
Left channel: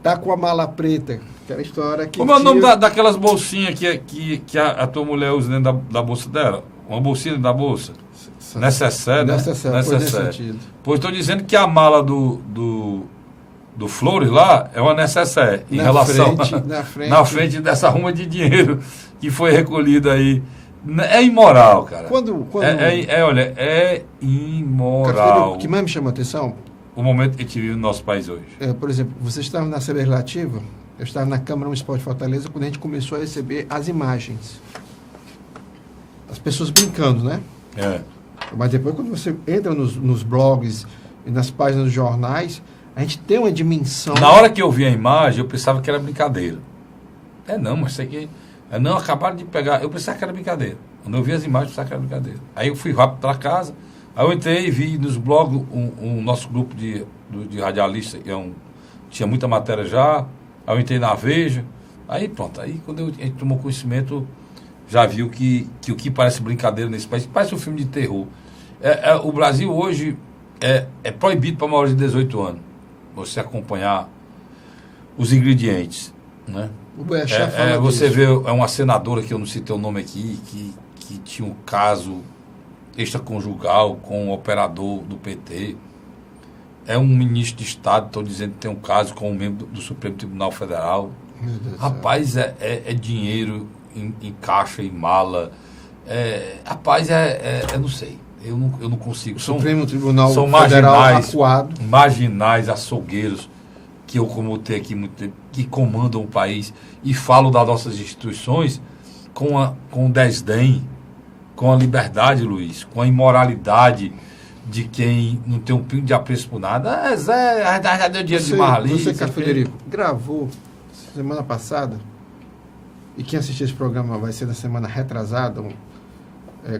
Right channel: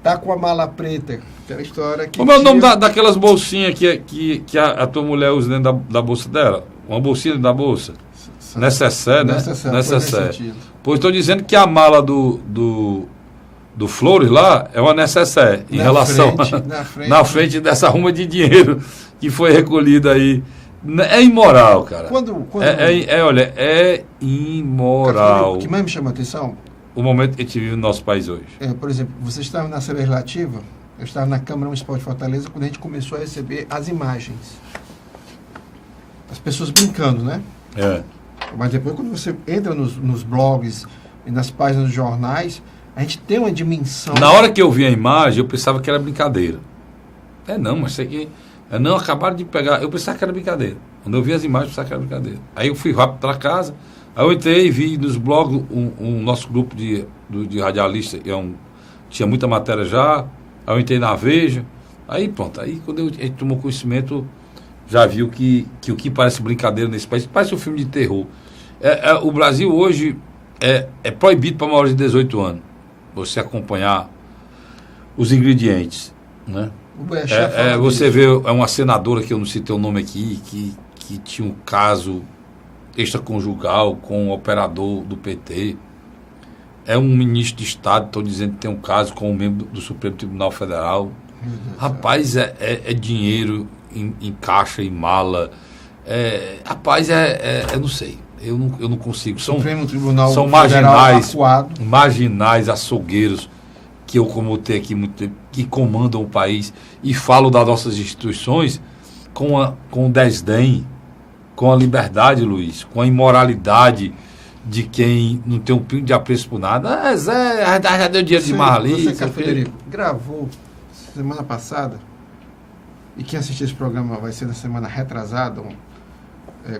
tá com a mala preta. Aquela história que... Como é o nome daquelas bolsinhas que a tua mulher usa dentro da bolsa dela? Uma bolsinha dentro da bolsa? Necessaire, né? Necessaire. Pois estou dizendo que a mala do Flores lá é uma necessaire em relação na frente dessa ruma de dinheiro que foi recolhida aí. É imoral, cara. Olha, é imoral. O que mais me chama a atenção? O momento que a gente vive no nosso país hoje. Por exemplo, você estava na Assembleia Legislativa, eu estava na Câmara Municipal de Fortaleza, quando a gente começou a receber as imagens. As pessoas brincando, né? Mas depois, quando você entra nos blogs e nas páginas dos jornais, a gente tem uma dimensão... Na hora que eu vi a imagem, eu pensava que era brincadeira. Não, mas isso aqui... Não, acabaram de pegar... Eu pensava que era brincadeira. Quando eu vi as imagens, eu pensava que era brincadeira. Aí eu fui rápido para casa, aí eu entrei e vi nos blogs nosso grupo de radialistas, tinha muita matéria já, aí eu entrei na Veja, aí pronto. Aí quando a gente tomou conhecimento... já viu que o que parece brincadeira nesse país, parece um filme de terror. O Brasil hoje é proibido para maiores de 18 anos você acompanhar os ingredientes, né? Você vê uma senadora, que eu não citei o nome aqui, que tinha um caso extraconjugal com um operador do PT. É um ministro de Estado, estão dizendo que tem um caso com um membro do Supremo Tribunal Federal. Rapaz, é dinheiro em caixa, em mala. Rapaz, eu não sei. Eu não consigo. Supremo Tribunal são marginais, açougueiros, que eu comutei aqui muito tempo, que comandam o país e falam das nossas instituições com desdém, com a liberdade, Luiz, com a imoralidade de quem não tem um pingo de apreço por nada. Já deu dinheiro demais ali. Você, Federico, gravou semana passada, e quem assistir esse programa vai ser na semana retrasada,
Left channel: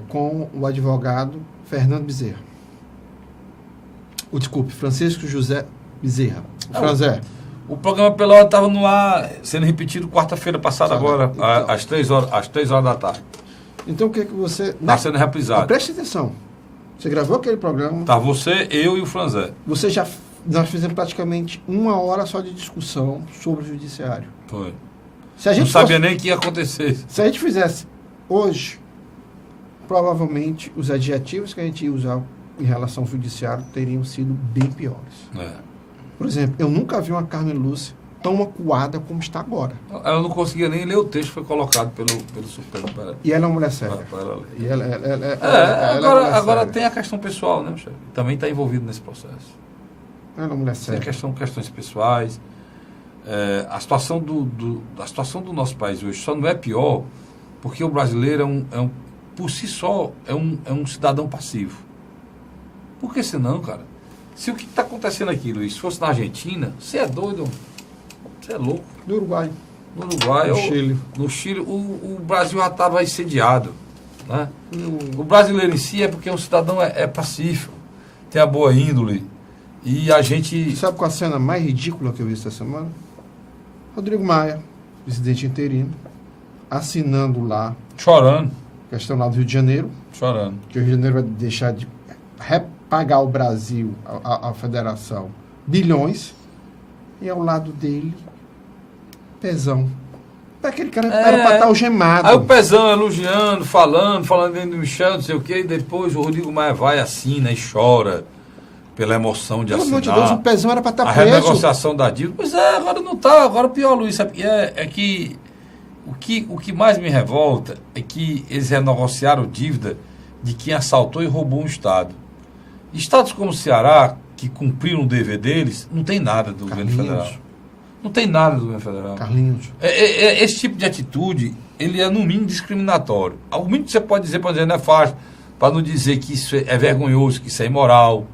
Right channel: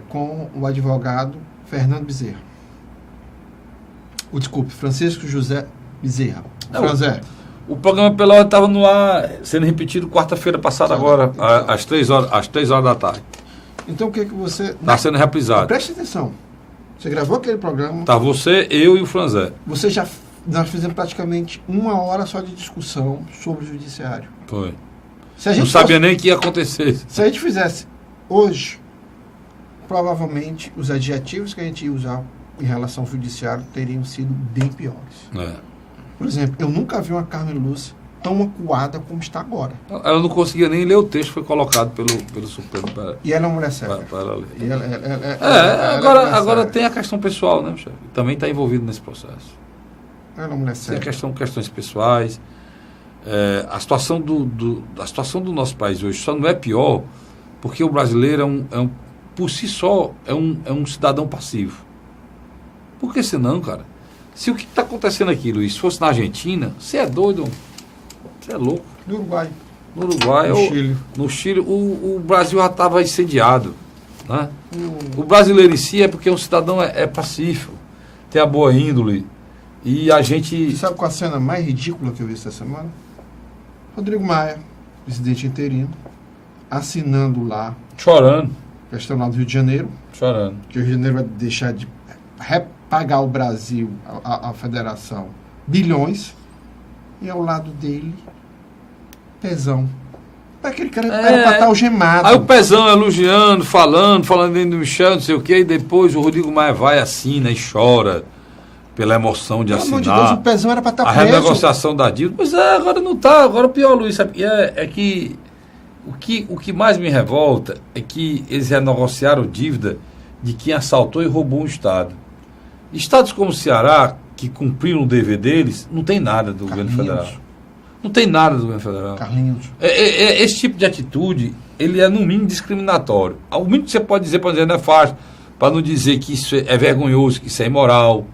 com o advogado Fernando Bezerra. Francisco José Bezerra. O programa pela hora estava no ar, sendo repetido quarta-feira passada, agora, às 3 horas da tarde. Então o que é que você... Está sendo reprisado. Preste atenção. Você gravou aquele programa... Tá, você, eu e o Franzé. Nós fizemos praticamente 1 hora só de discussão sobre o judiciário. Foi. Não sabia nem que ia acontecer. Se a gente fizesse hoje, provavelmente os adjetivos que a gente ia usar em relação ao judiciário teriam sido bem piores. Por exemplo, eu nunca vi uma Carmen Lúcia tão acuada como está agora. Ela não conseguia nem ler o texto que foi colocado pelo Supremo. E ela é uma mulher séria. Agora tem a questão pessoal, né, Michel? Também está envolvido nesse processo. Ela é uma mulher séria. Tem questões pessoais. A situação do nosso país hoje só não é pior porque o brasileiro por si só é um cidadão passivo. Por que senão, cara? Se o que está acontecendo aqui, Luiz, fosse na Argentina, você é doido, você é louco. No Uruguai. No Chile, o Brasil já estava incendiado. Né? O brasileiro em si é porque o cidadão é pacífico, tem a boa índole. E a gente... Sabe qual a cena mais ridícula que eu vi essa semana? Rodrigo Maia, presidente interino, assinando lá... Chorando. Questão lá do Rio de Janeiro. Chorando. Que o Rio de Janeiro vai deixar de repagar ao Brasil, a federação, bilhões. E ao lado dele, Pezão. Aquele cara era para estar algemado. Aí o Pezão elogiando, falando dentro do Michel, não sei o quê, e depois o Rodrigo Maia vai, assina e chora pela emoção de assinar. Deus, o Pezão era para estar preso. A renegociação da dívida. Pois agora não está. Agora o pior, Luiz, sabe? É que o que mais me revolta é que eles renegociaram dívida de quem assaltou e roubou um Estado. Estados como o Ceará, que cumpriram o dever deles, não tem nada do governo federal. Não tem nada do governo federal. Carlinhos. Esse tipo de atitude, ele é no mínimo discriminatório. O mínimo que você pode dizer, para dizer, não é fácil, para não dizer que isso é vergonhoso, que isso é imoral.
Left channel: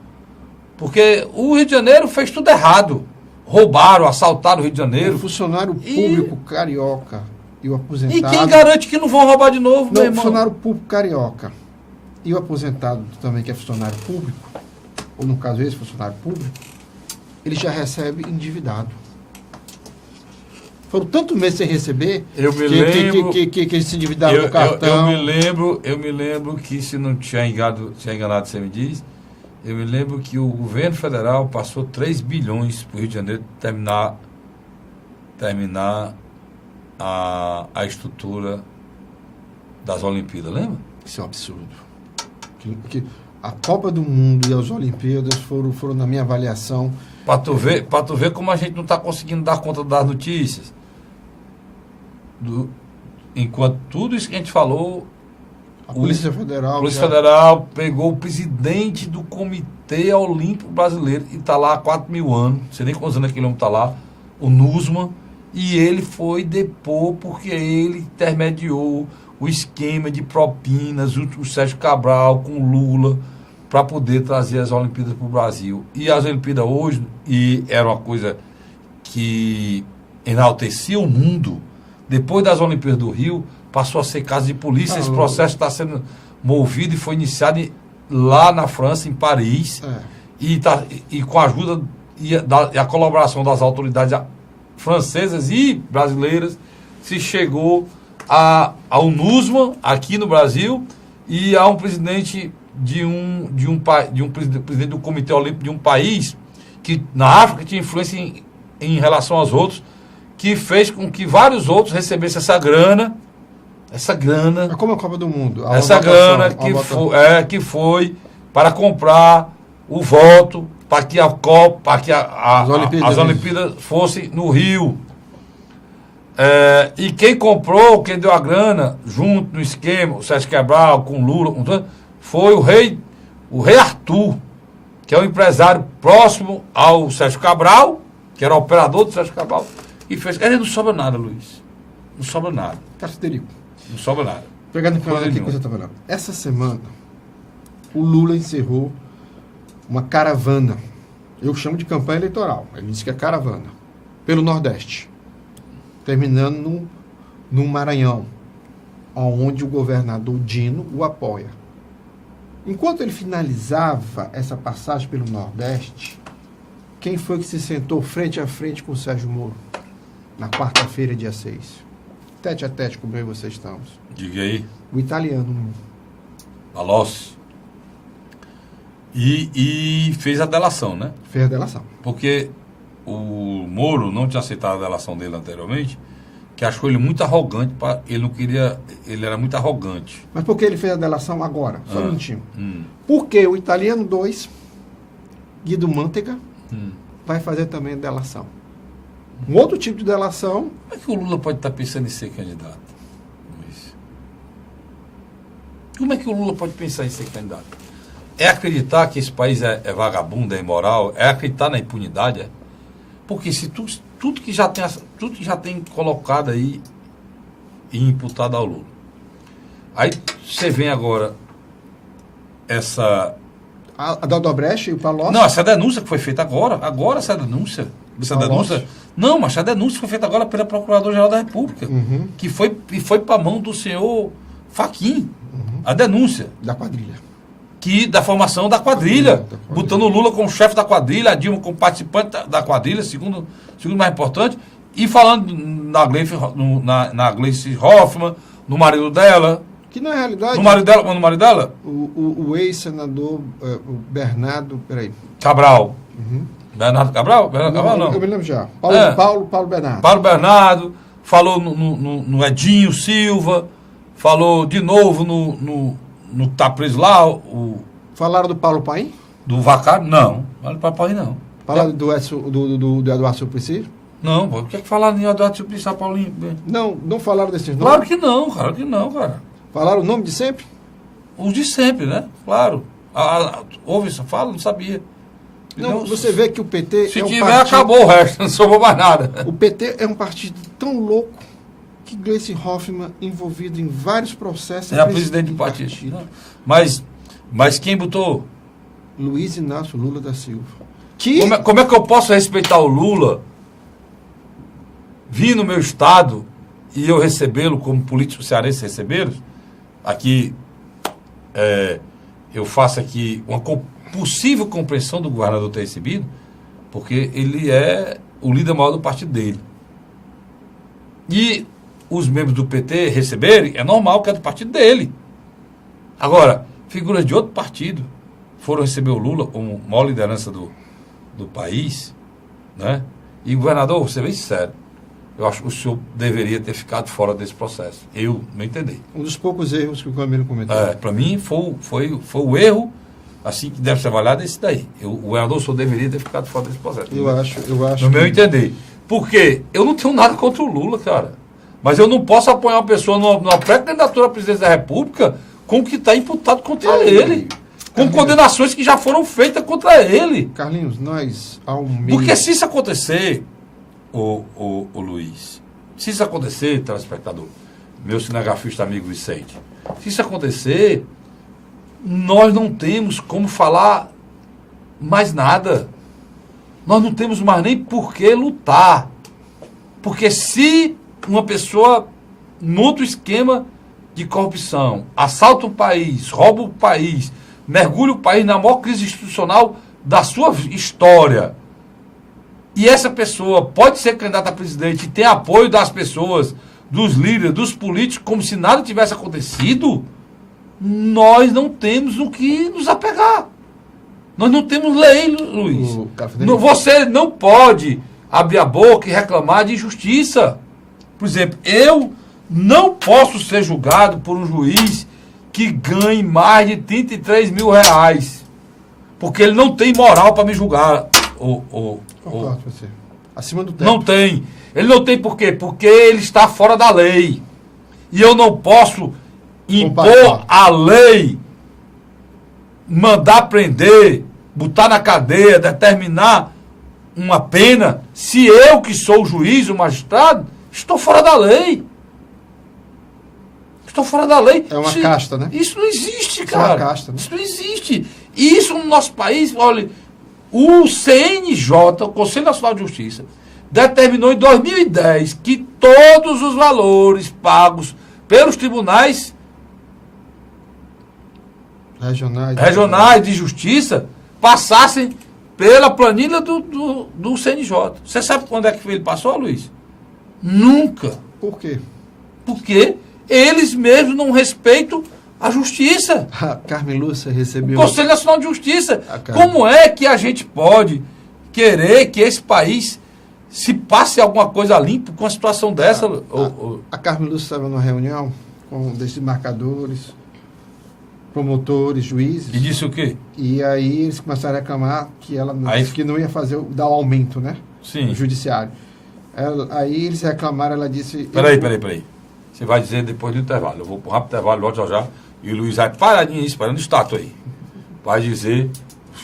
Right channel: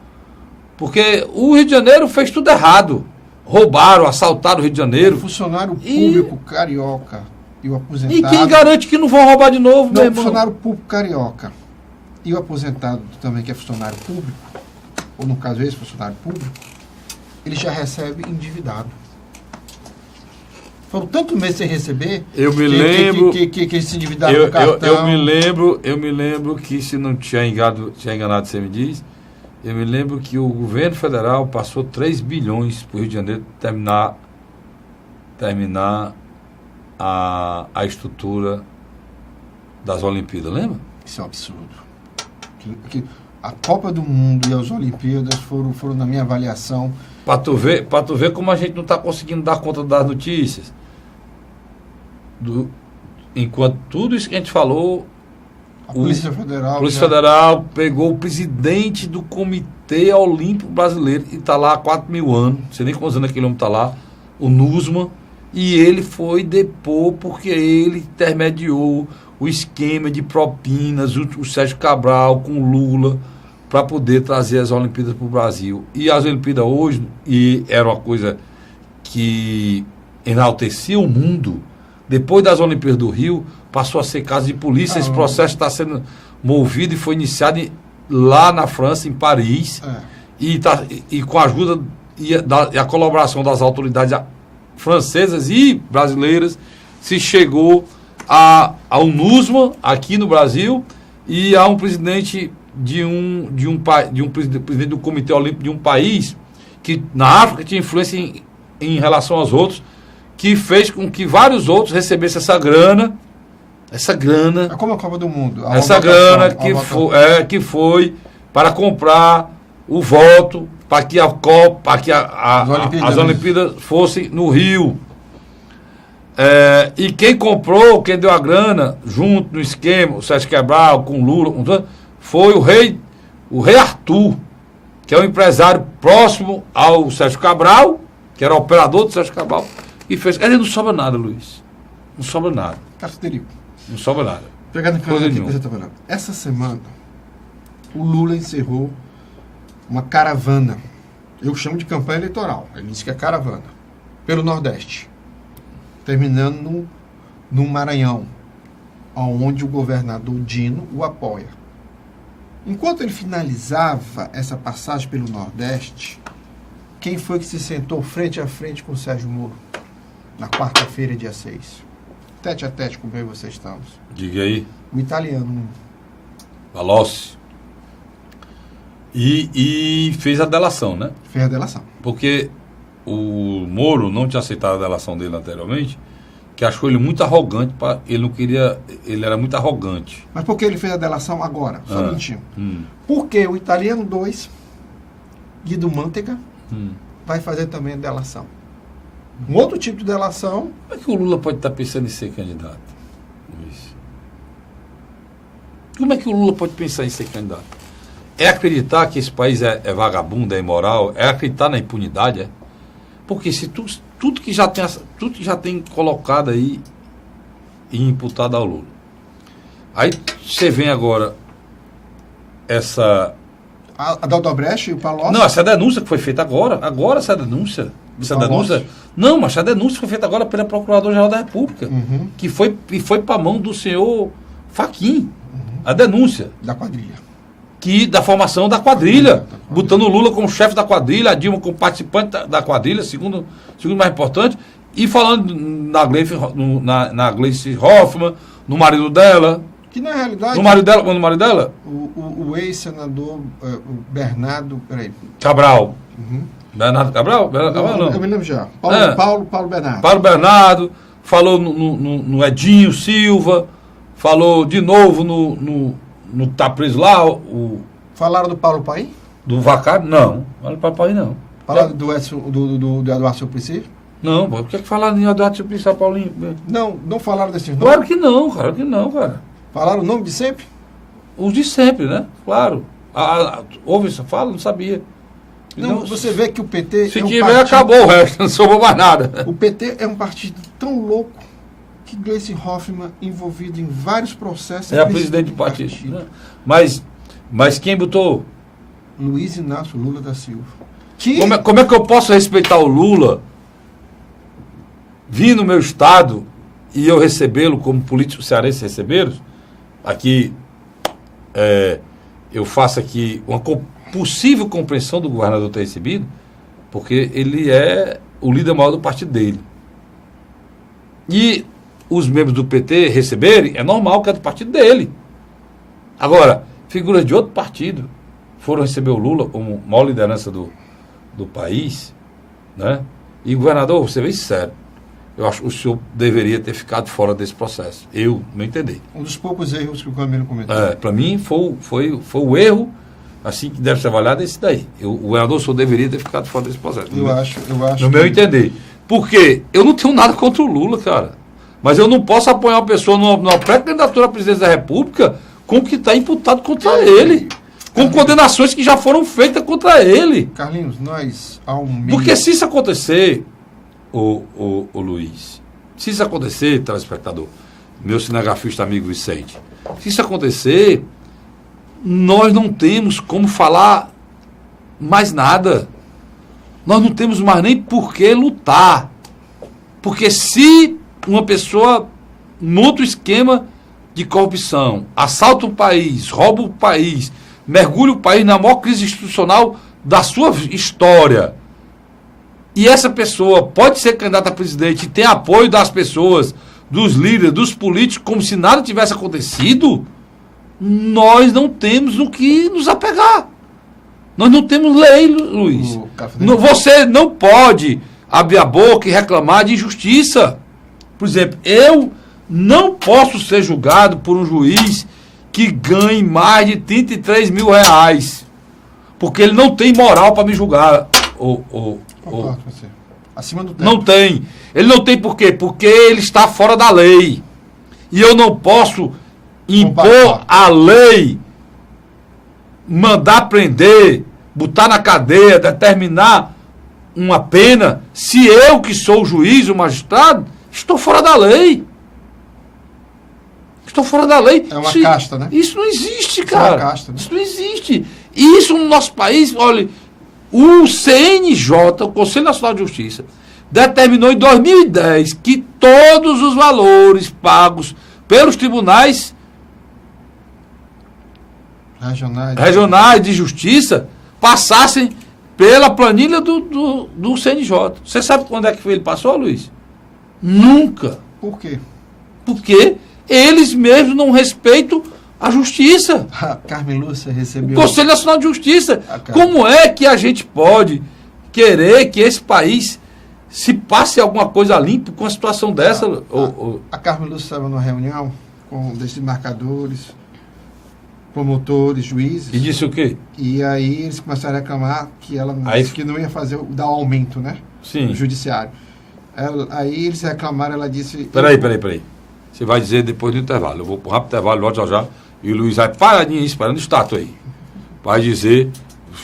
Porque o Rio de Janeiro fez tudo errado. Roubaram, assaltaram o Rio de O Janeiro. funcionário público carioca e o aposentado... E quem garante que não vão roubar de novo, meu Não, o irmão? funcionário público carioca e o aposentado também, que é funcionário público, ou no caso esse funcionário público, ele já recebe endividado. Foram tanto meses sem receber Eu me lembro... que se endividaram com o cartão. Eu me lembro que, se não tinha enganado, você me diz, eu me lembro que o governo federal passou 3 bilhões para o Rio de Janeiro terminar a estrutura das Olimpíadas, lembra? Isso é um absurdo. A Copa do Mundo e as Olimpíadas foram na minha avaliação... Para tu ver como a gente não está conseguindo dar conta das notícias. Enquanto tudo isso que a gente falou, A Polícia Federal... a Polícia Federal pegou o presidente do Comitê Olímpico Brasileiro e está lá há 4.000 anos, não sei nem quantos anos aquele homem está lá, o Nussmann, e ele foi depor porque ele intermediou o esquema de propinas, o Sérgio Cabral com o Lula, para poder trazer as Olimpíadas para o Brasil. E as Olimpíadas hoje, e era uma coisa que enaltecia o mundo, depois das Olimpíadas do Rio, passou a ser casa de polícia. Esse processo está sendo movido e foi iniciado lá na França, em Paris, e com a ajuda e a colaboração das autoridades francesas e brasileiras, se chegou ao Nussmann aqui no Brasil e a um presidente presidente do Comitê Olímpico de um país que na África tinha influência em relação aos outros, que fez com que vários outros recebessem essa grana, É como a Copa do Mundo. essa grana que foi para comprar o voto para que a Copa, para que as Olimpíadas fossem no Rio. E quem comprou, quem deu a grana, junto no esquema, o Sérgio Cabral, com o Lula, foi o rei Arthur, que é um empresário próximo ao Sérgio Cabral, que era operador do Sérgio Cabral, e fez. Ele não sobra nada, Luiz. Não sobra nada. Castelio. Não sobra nada. Pegando aqui que você está falando. Essa semana, o Lula encerrou uma caravana. Eu chamo de campanha eleitoral. Ele disse que é caravana. Pelo Nordeste. Terminando no Maranhão, onde o governador Dino o apoia. Enquanto ele finalizava essa passagem pelo Nordeste, quem foi que se sentou frente a frente com o Sérgio Moro? Na quarta-feira, dia 6. Tete a tete, como eu e você estamos. Diga aí. O italiano mesmo. Palocci. E fez a delação, né? Fez a delação. Porque o Moro não tinha aceitado a delação dele anteriormente, que achou ele muito arrogante, ele não queria, ele era muito arrogante. Mas por que ele fez a delação agora? Só um minutinho. Porque o italiano 2, Guido Mantega, vai fazer também a delação. Um outro tipo de delação... Como é que o Lula pode estar pensando em ser candidato, Luiz? Como é que o Lula pode pensar em ser candidato? É acreditar que esse país é vagabundo, é imoral? É acreditar na impunidade? É? Porque se tudo que já tem colocado aí e imputado ao Lula. Aí você vem agora essa... A da Odebrecht e o Palocci... Não, essa denúncia que foi feita agora essa denúncia... Não, mas a denúncia foi feita agora pela Procuradora-Geral da República, que foi para a mão do senhor Fachin, a denúncia. Da quadrilha. Da formação da quadrilha, botando o Lula como chefe da quadrilha, a Dilma como participante da quadrilha, segundo mais importante, e falando na Gleice Hoffmann, no marido dela. Que na realidade... No marido dela? O ex-senador Bernardo... Peraí. Cabral. Bernardo Cabral? Não. Eu me lembro já. Paulo Bernardo. Paulo Bernardo, falou no Edinho Silva, falou de novo no tá preso lá, Falaram do Paulo Paim? Do Vacário? Não. Não do Paim, não. Falaram do Eduardo Suplicy? Não, por que falaram em Eduardo Suplicy, Paulinho? Não falaram desses nomes? Claro que não, cara. Falaram o nome de sempre? Os de sempre, né? Claro. Houve essa fala? Não sabia. Não, você vê que o PT... Se tiver, acabou o resto, não sobrou mais nada. O PT é um partido tão louco que Gleice Hoffmann, envolvido em vários processos... É a presidente do partido. Mas quem botou Luiz Inácio Lula da Silva. Como é que eu posso respeitar o Lula, vir no meu estado e eu recebê-lo como políticos cearenses receberam? Aqui, eu faço aqui uma possível compreensão do governador ter recebido, porque ele é o líder maior do partido dele. E os membros do PT receberem, é normal que é do partido dele. Agora, figuras de outro partido foram receber o Lula como maior liderança do país, né? E governador, você vê sério, eu acho que o senhor deveria ter ficado fora desse processo. Eu não entendi. Um dos poucos erros que o Camilo cometeu. Para mim foi o erro assim que deve ser avaliado, esse daí. O governador só deveria ter ficado fora desse processo. Eu acho. No meu entender. Porque eu não tenho nada contra o Lula, cara. Mas eu não posso apoiar uma pessoa numa pré-candidatura à presidência da República com o que está imputado contra ele. Com condenações que já foram feitas contra ele. Carlinhos, nós Porque se isso acontecer, o Luiz, se isso acontecer, telespectador, meu cinegrafista amigo Vicente, se isso acontecer, nós não temos como falar mais nada. Nós não temos mais nem por que lutar. Porque se uma pessoa monta um esquema de corrupção, assalta o país, rouba o país, mergulha o país na maior crise institucional da sua história, e essa pessoa pode ser candidata a presidente e ter apoio das pessoas, dos líderes, dos políticos, como se nada tivesse acontecido, nós não temos no que nos apegar. Nós não temos lei, Luiz. Você não pode abrir a boca e reclamar de injustiça. Por exemplo, eu não posso ser julgado por um juiz que ganhe mais de 33 mil reais. Porque ele não tem moral para me julgar. Acima do teto. Não tem. Ele não tem por quê? Porque ele está fora da lei. E eu não posso impor a lei, mandar prender, botar na cadeia, determinar uma pena, se eu que sou o juiz, o magistrado, estou fora da lei. Estou fora da lei. É uma casta, né? Isso não existe, cara. É uma casta, né? Isso não existe. E isso no nosso país, olha, o CNJ, o Conselho Nacional de Justiça, determinou em 2010 que todos os valores pagos pelos tribunais regionais de justiça passassem pela planilha do CNJ. Você sabe quando é que ele passou, Luiz? Nunca. Por quê? Porque eles mesmos não respeitam a justiça. A Carmen Lúcia recebeu... O Conselho Nacional de Justiça. Como é que a gente pode querer que esse país se passe alguma coisa limpa com uma situação dessa? A Carmen Lúcia estava numa reunião com desembargadores, promotores, juízes. E disse o quê? E aí eles começaram a reclamar que ela que não ia dar o aumento, né? Sim. No judiciário. Aí eles reclamaram, ela disse... Peraí. Você vai dizer depois do intervalo. Eu vou para o rápido intervalo, volto já. E o Luiz vai paradinho esperando o estátua aí. Vai dizer...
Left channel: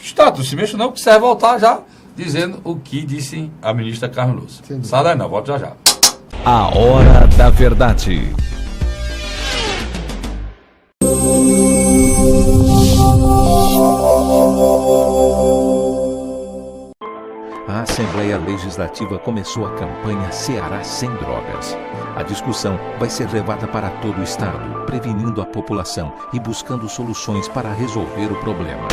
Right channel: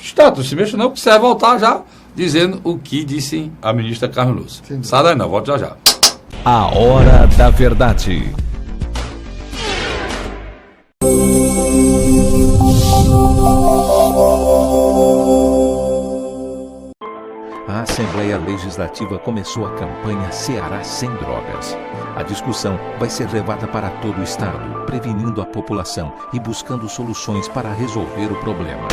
Estátua, se mexe não, que você vai voltar já dizendo o que disse a ministra Carmen Lúcia. Sai daí não, volto já. A Hora da Verdade. A Assembleia Legislativa começou a campanha Ceará Sem Drogas. A discussão vai ser levada para todo o estado, prevenindo a população e buscando soluções para resolver o problema.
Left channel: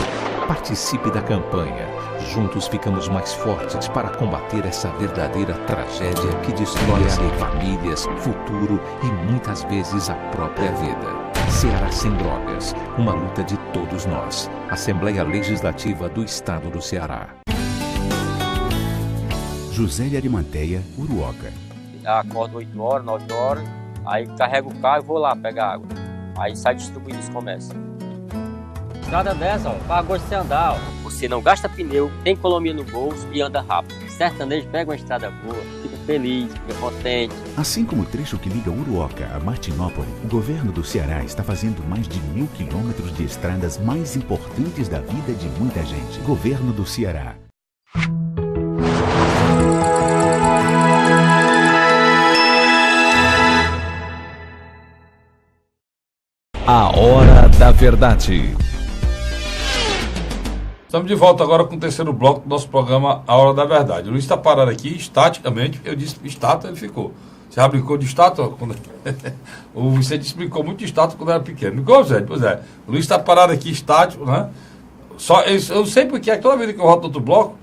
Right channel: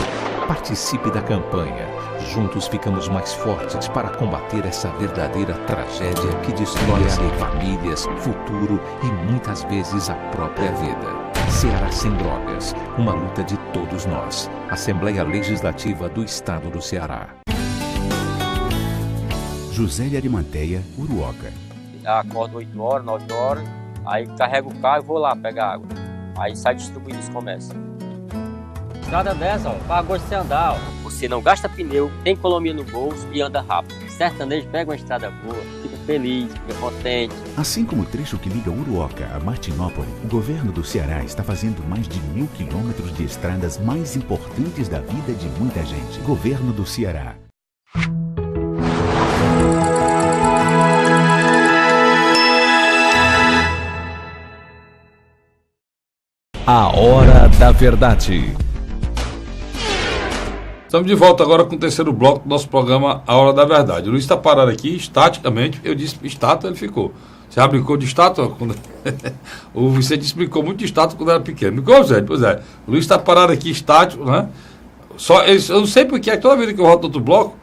Participe da campanha. Juntos ficamos mais fortes para combater essa verdadeira tragédia que destrói famílias, futuro e muitas vezes a própria vida. Ceará Sem Drogas, uma luta de todos nós. Assembleia Legislativa do Estado do Ceará. José de Arimanteia, Uruoca. Acordo 8 horas, 9 horas, aí carrego o carro e vou lá pegar água. Aí sai distribuindo os comércios. Estrada dessa, ó, para gosto de você andar, ó. Você não gasta pneu, tem economia no bolso e anda rápido. Sertanejo pega uma estrada boa, fica feliz, fica contente. Assim como o trecho que liga Uruoca a Martinópole, o governo do Ceará está fazendo mais de 1.000 quilômetros de estradas mais importantes da vida de muita gente. Governo do Ceará. A Hora da Verdade. Estamos de volta agora com o terceiro bloco do nosso programa A Hora da Verdade. O Luiz está parado aqui, estaticamente. Eu disse estátua, ele ficou. Você já brincou de estátua? O Vicente explicou muito de estátua quando era pequeno. Não ficou, Zé? Pois é. O Luiz está parado aqui, estático, né? Eu não sei porque, toda vez que eu volto do outro bloco,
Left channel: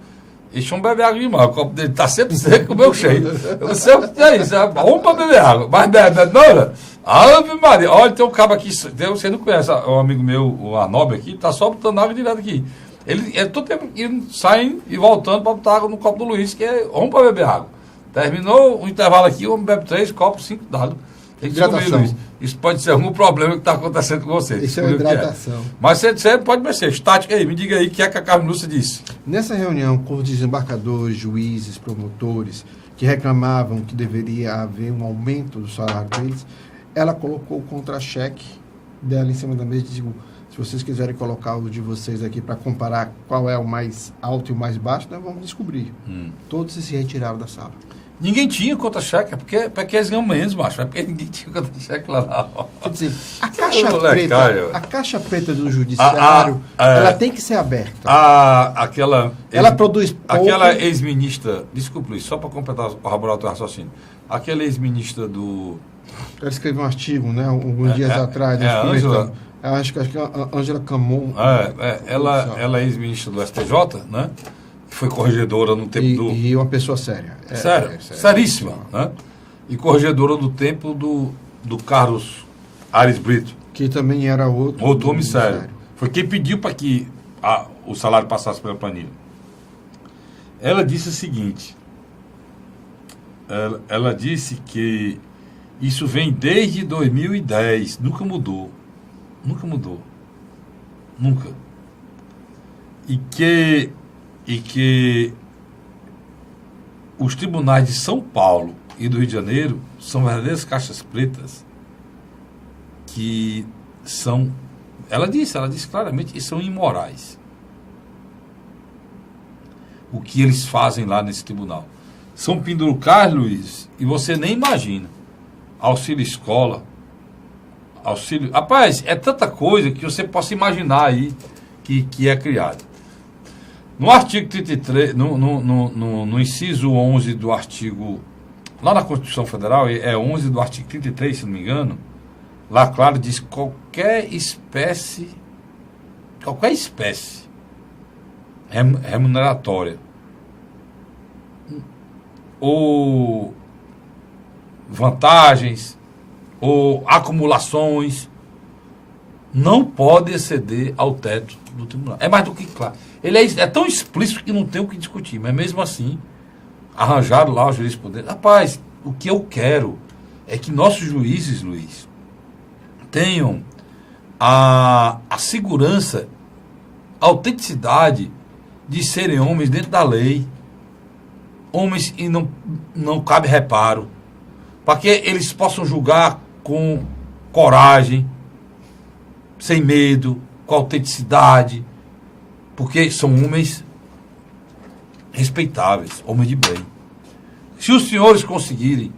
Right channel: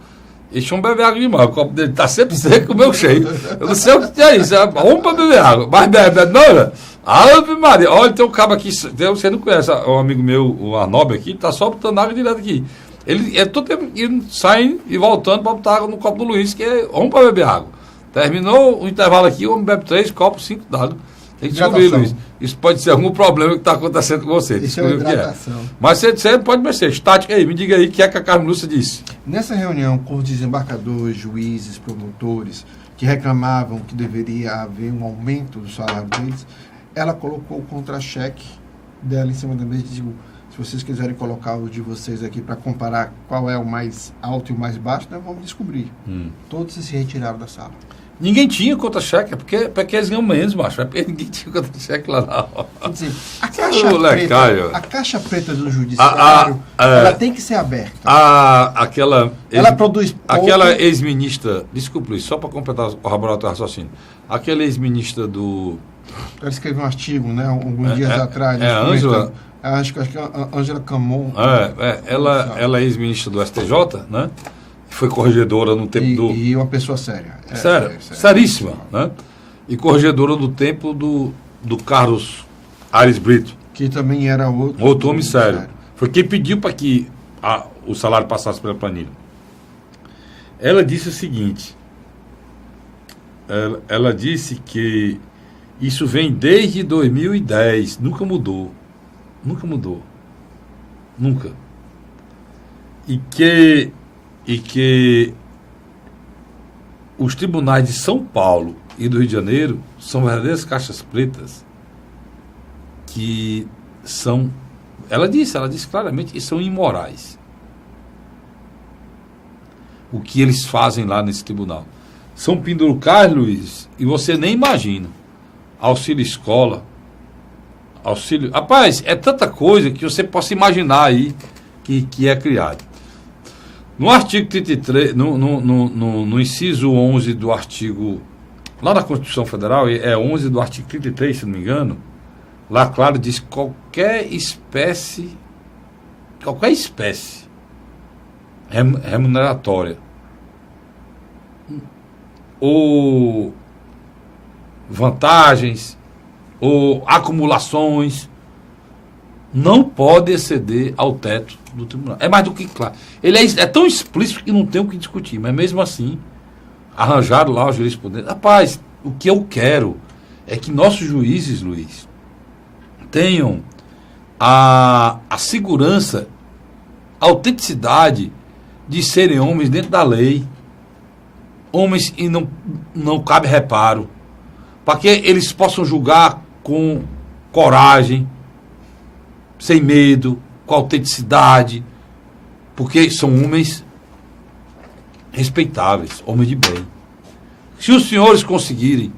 ele chama beber água demais. O copo dele está sempre seco, o meu cheio. Eu não sei o que é isso. Vamos para beber água. Mas bebe, não era? Ave Maria. Olha, tem um cabo aqui. Você não conhece um amigo meu, o Arnob aqui, está só botando água direto aqui. Ele todo tempo saindo e voltando para botar água no copo do Luiz, que é vamos para beber água. Terminou o intervalo aqui, o homem bebe 3 copos, 5 d'água. Tem que descobrir, Luiz. Isso pode ser algum problema que está acontecendo com você. Isso é hidratação. Mas você pode mexer. Estática aí, me diga aí o que é que a Carmen Lúcia disse. Nessa reunião com os desembargadores, juízes, promotores, que reclamavam que deveria haver um aumento do salário deles, ela colocou o contra-cheque dela em cima da mesa e disse: se vocês quiserem colocar o de vocês aqui para comparar qual é o mais alto e o mais baixo, nós vamos descobrir. Todos se retiraram da sala. Ninguém tinha contra-cheque, porque eles ganham menos, macho. É porque ninguém tinha contra-cheque lá, não. Quer dizer, a caixa preta do judiciário, ela tem que ser aberta. Ela produz pouco. Aquela ex-ministra, desculpa, Luiz, só para completar, corroborar o teu raciocínio. Aquela ex-ministra do... Ela escreveu um artigo, né, alguns dias atrás. A Ângela... Acho que a Ângela Camon. Ela é ex-ministra do STJ, né? Foi corregedora no tempo E uma pessoa séria. Seríssima, né? E corregedora do tempo do Carlos Aires Brito. Que também era outro homem sério. Foi quem pediu para que o salário passasse pela planilha. Ela disse o seguinte, ela disse que isso vem desde 2010, nunca mudou. Nunca. E que os tribunais de São Paulo e do Rio de Janeiro são verdadeiras caixas pretas que são, ela disse claramente que são imorais. O que eles fazem lá nesse tribunal. São penduricais, Luiz, e você nem imagina. Auxílio escola, auxílio... Rapaz, é tanta coisa que você possa imaginar aí que é criado. No artigo 33, no inciso 11 do artigo... Lá na Constituição Federal, é 11 do artigo 33, se não me engano, lá, claro, diz qualquer espécie remuneratória ou vantagens ou acumulações não pode exceder ao teto do tribunal. É mais do que claro. Ele é tão explícito que não tem o que discutir, mas mesmo assim arranjaram lá os jurisprudentes. Rapaz, o que eu quero é que nossos juízes, Luiz, tenham a segurança, a autenticidade de serem homens dentro da lei, homens e não cabe reparo, para que eles possam julgar com coragem, sem medo, com autenticidade, porque são homens respeitáveis, homens de bem. Se os senhores conseguirem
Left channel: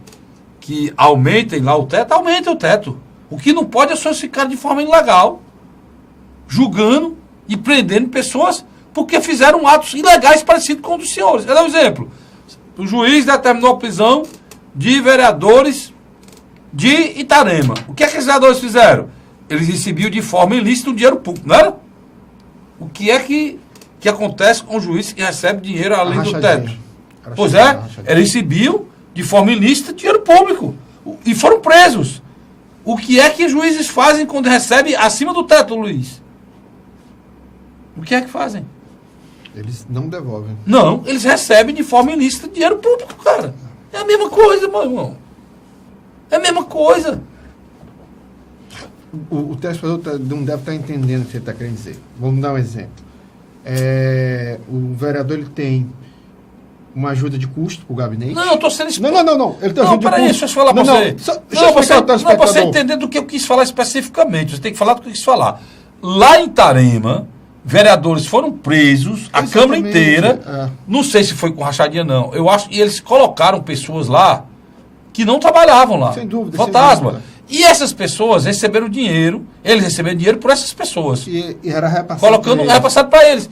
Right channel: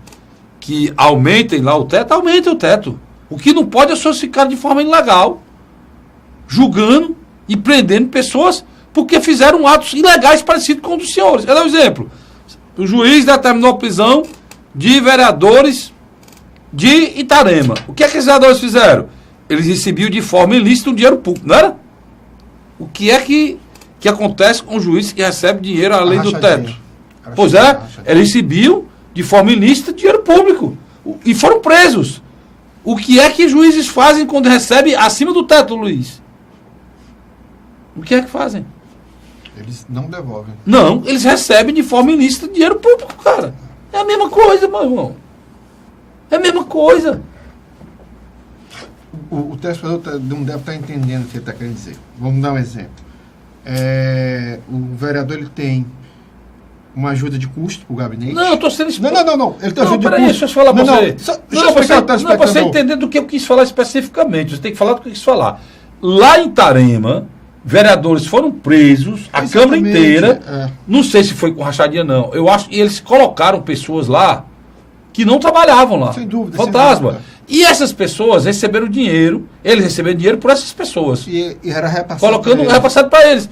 que aumentem lá o teto, aumentem o teto. O que não pode é os senhores ficarem de forma ilegal, julgando e prendendo pessoas porque fizeram atos ilegais parecidos com os dos senhores. Quer dar um exemplo? O juiz determinou a prisão de vereadores de Itarema. O que é que os vereadores fizeram? Eles recebiam de forma ilícita um dinheiro público, não era? O que é que acontece com o juiz que recebe dinheiro além do teto? Pois é, eles recebiam de forma ilícita dinheiro público e foram presos. O que é que os juízes fazem quando recebem acima do teto, Luiz? O que é que fazem? Eles não devolvem. Não, eles recebem de forma ilícita dinheiro público, cara. É a mesma coisa, meu irmão. É a mesma coisa. O telespectador não deve estar entendendo o que ele está querendo dizer. Vamos dar um exemplo. O vereador ele tem uma ajuda de custo para o gabinete. Não, eu estou sendo explícito. Não. Ele tem não, peraí, deixa eu falar para você. Não, você entender do que eu quis falar especificamente. Você tem que falar do que eu quis falar. Lá em Itarema, vereadores foram presos, a Câmara inteira. Não sei se foi com rachadinha, não. Eu acho que eles colocaram pessoas lá que não trabalhavam lá. Sem dúvida. Fantasma. Sem dúvida. E essas pessoas receberam dinheiro, eles receberam dinheiro por essas pessoas. E era repassado. Repassado para eles.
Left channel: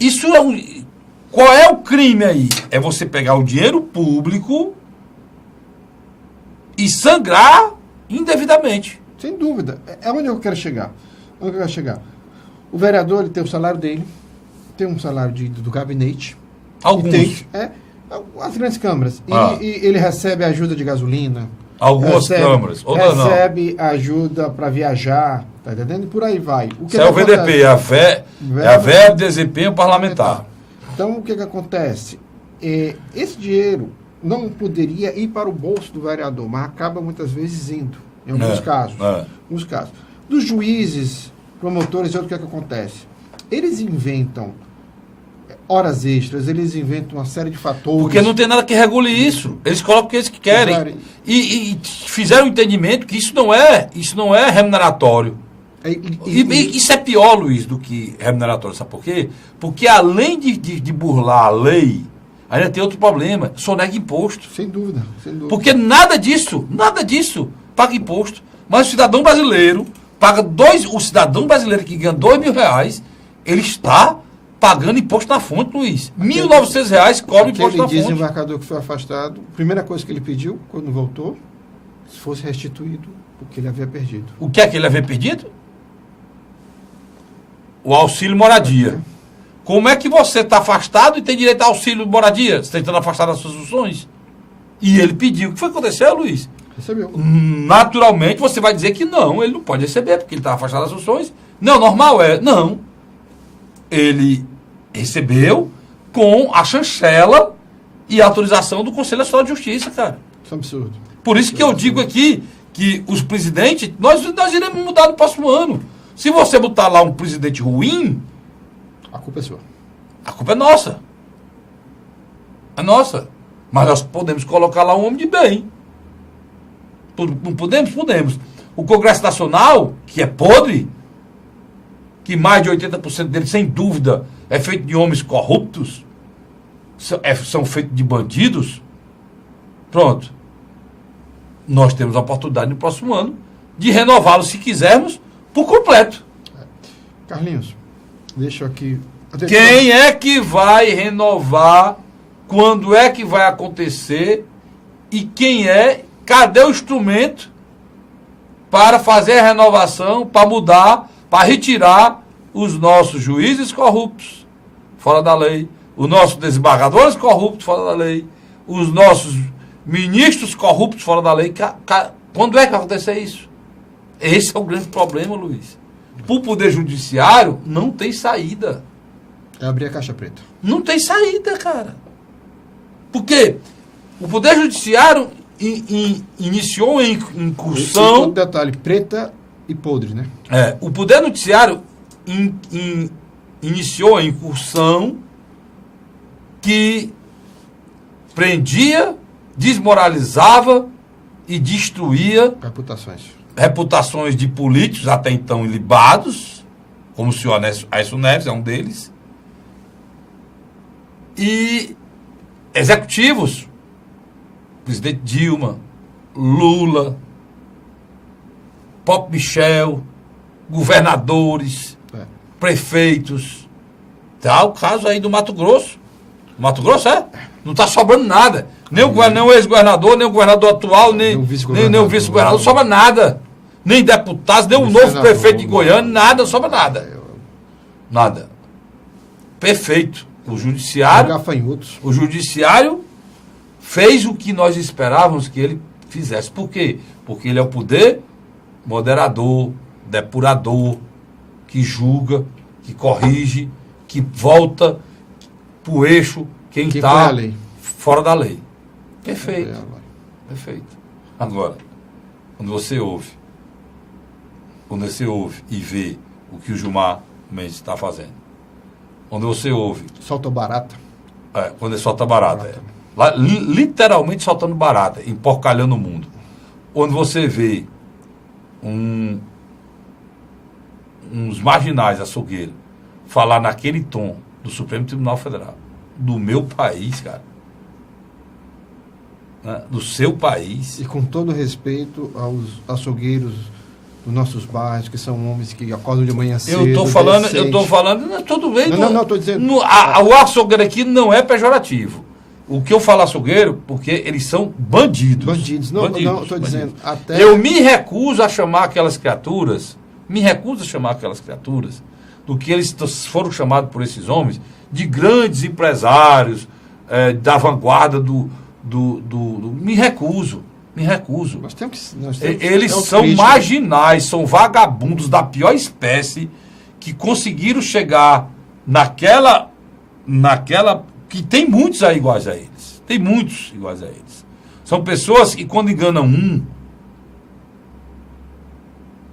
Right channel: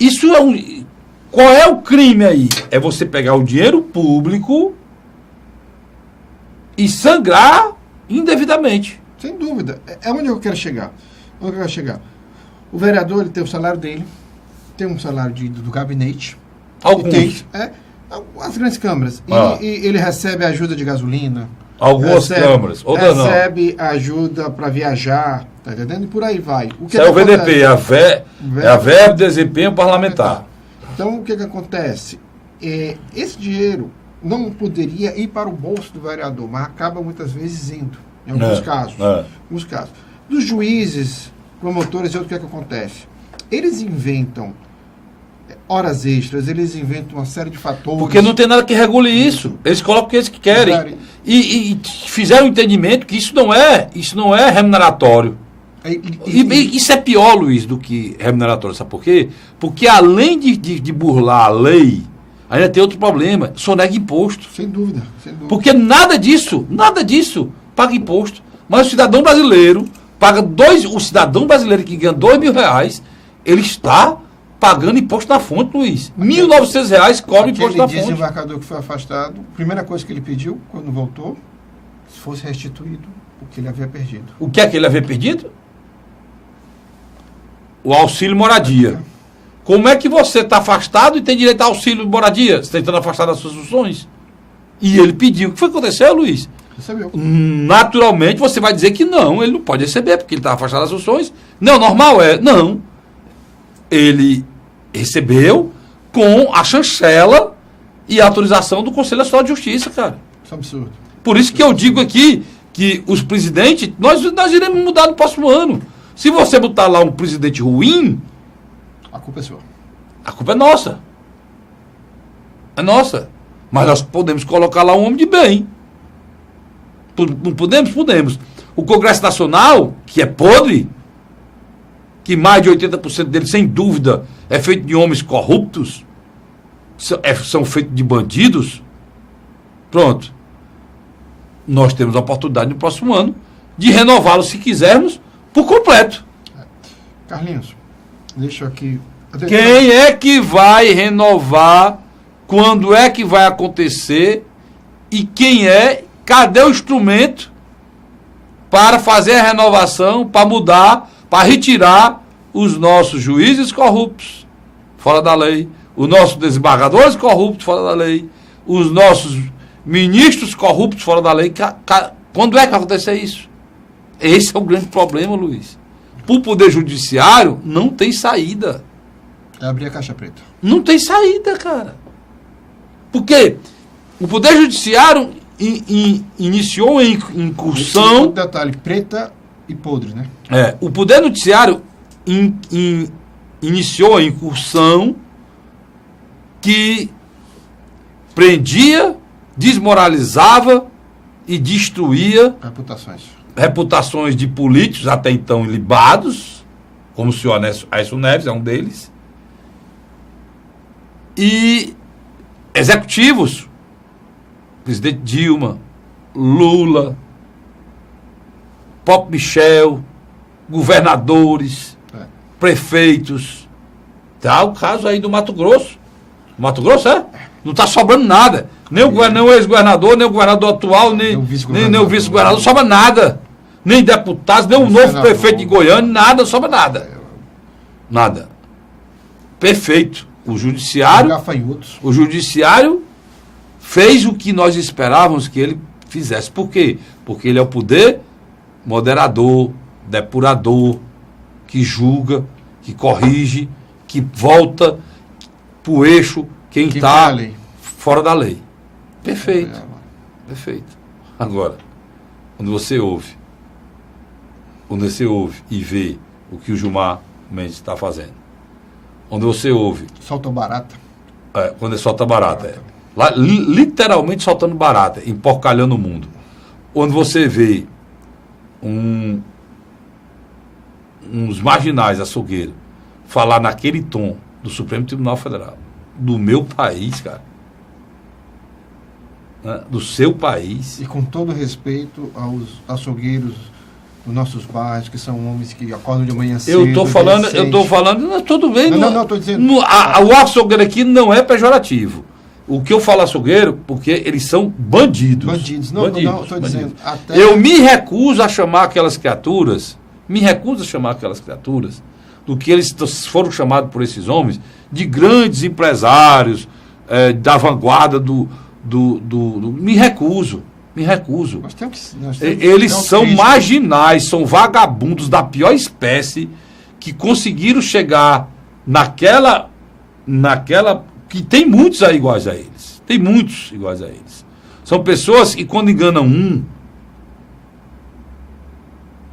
Isso é um... Qual é o crime aí? É você pegar o dinheiro público e sangrar indevidamente. Sem dúvida. É onde eu quero chegar. O vereador, ele tem o salário dele, tem um salário do gabinete. Alguns. As grandes câmaras. E ele recebe ajuda de gasolina. Algumas câmaras. Outras não. Recebe ajuda para viajar. Tá entendendo? E por aí vai. Isso é o VDP, a verba de desempenho parlamentar. Então, o que acontece? Esse dinheiro não poderia ir para o bolso do vereador, mas acaba muitas vezes indo, em alguns casos. Dos juízes, promotores, o que acontece? Eles inventam horas extras, eles inventam uma série de fatores. Porque não tem nada que regule isso. Eles colocam o que eles querem. E fizeram o entendimento que isso não é remuneratório. Isso é pior, Luiz, do que remuneratório. Sabe por quê? Porque além de burlar a lei, ainda tem outro problema. Sonega imposto. Sem dúvida. Porque nada disso paga imposto. Mas o cidadão brasileiro paga o cidadão brasileiro que ganha R$2.000, ele está pagando imposto na fonte, Luiz. R$1.900 cobra imposto na fonte. Aquele desembarcador que foi afastado, a primeira coisa que ele pediu, quando voltou, se fosse restituído o que ele havia perdido. O que é que ele havia perdido? O auxílio moradia. Como é que você está afastado e tem direito ao auxílio moradia? Você está tentando afastar das suas funções? E ele pediu. O que foi que aconteceu, Luiz? Recebeu. Naturalmente você vai dizer que não, ele não pode receber, porque ele está afastado das funções. Não, normal é. Não. Ele recebeu com a chancela e a autorização do Conselho Nacional de Justiça, cara. Isso é um absurdo. Por isso que eu digo aqui que os presidentes, nós iremos mudar no próximo ano. Se você botar lá um presidente ruim, a culpa é sua. A culpa é nossa. É nossa. Mas nós podemos colocar lá um homem de bem. Não podemos? Podemos. O Congresso Nacional, que é podre, que mais de 80% dele, sem dúvida, é feito de homens corruptos, são feitos de bandidos, pronto. Nós temos a oportunidade no próximo ano de renová-lo, se quisermos, por completo. Carlinhos, deixa aqui... Quem é que vai renovar? Quando é que vai acontecer? E cadê o instrumento para fazer a renovação, para mudar, para retirar os nossos juízes corruptos fora da lei, os nossos desembargadores corruptos fora da lei, os nossos ministros corruptos fora da lei? Quando é que vai acontecer isso? Esse é o grande problema, Luiz. Para o Poder Judiciário, não tem saída. É abrir a caixa preta. Não tem saída, cara. Porque o Poder Judiciário iniciou em incursão... Um detalhe, preta e podre, né? O Poder Judiciário iniciou a incursão que prendia, desmoralizava e destruía reputações de políticos até então ilibados, como o senhor Aécio Neves é um deles, e executivos, presidente Dilma, Lula, Pop Michel, governadores, prefeitos. Tá o caso aí do Mato Grosso. Mato Grosso, não está sobrando nada. Nem o ex-governador, nem o governador atual, nem o vice-governador, não sobra nada. Nem deputados, nem o novo prefeito de Goiânia, nada, não sobra nada. Nada. Perfeito. O judiciário fez o que nós esperávamos que ele fizesse. Por quê? Porque ele é o poder moderador, depurador, que julga, que corrige, que volta para o eixo quem está fora da lei. Perfeito. Perfeito. Agora, quando você ouve e vê o que o Gilmar Mendes está fazendo, quando você ouve... Solta barata. Quando ele solta barata. Lá, literalmente soltando barata, emporcalhando o mundo. Quando você vê uns marginais açougueiros falar naquele tom do Supremo Tribunal Federal, do meu país, cara, né? Do seu país. E com todo respeito aos açougueiros dos nossos bairros, que são homens que acordam de manhã cedo. Eu estou falando, não, tudo bem. Não, estou dizendo. O açougueiro aqui não é pejorativo. O que eu falo açougueiro, porque eles são bandidos. Bandidos, não, estou dizendo. Até... Eu me recuso a chamar aquelas criaturas, do que eles foram chamados por esses homens, de grandes empresários, da vanguarda me recuso. Eles são marginais, são vagabundos da pior espécie, que conseguiram chegar naquela que tem muitos aí iguais a eles. Tem muitos iguais a eles. São pessoas que, quando enganam um,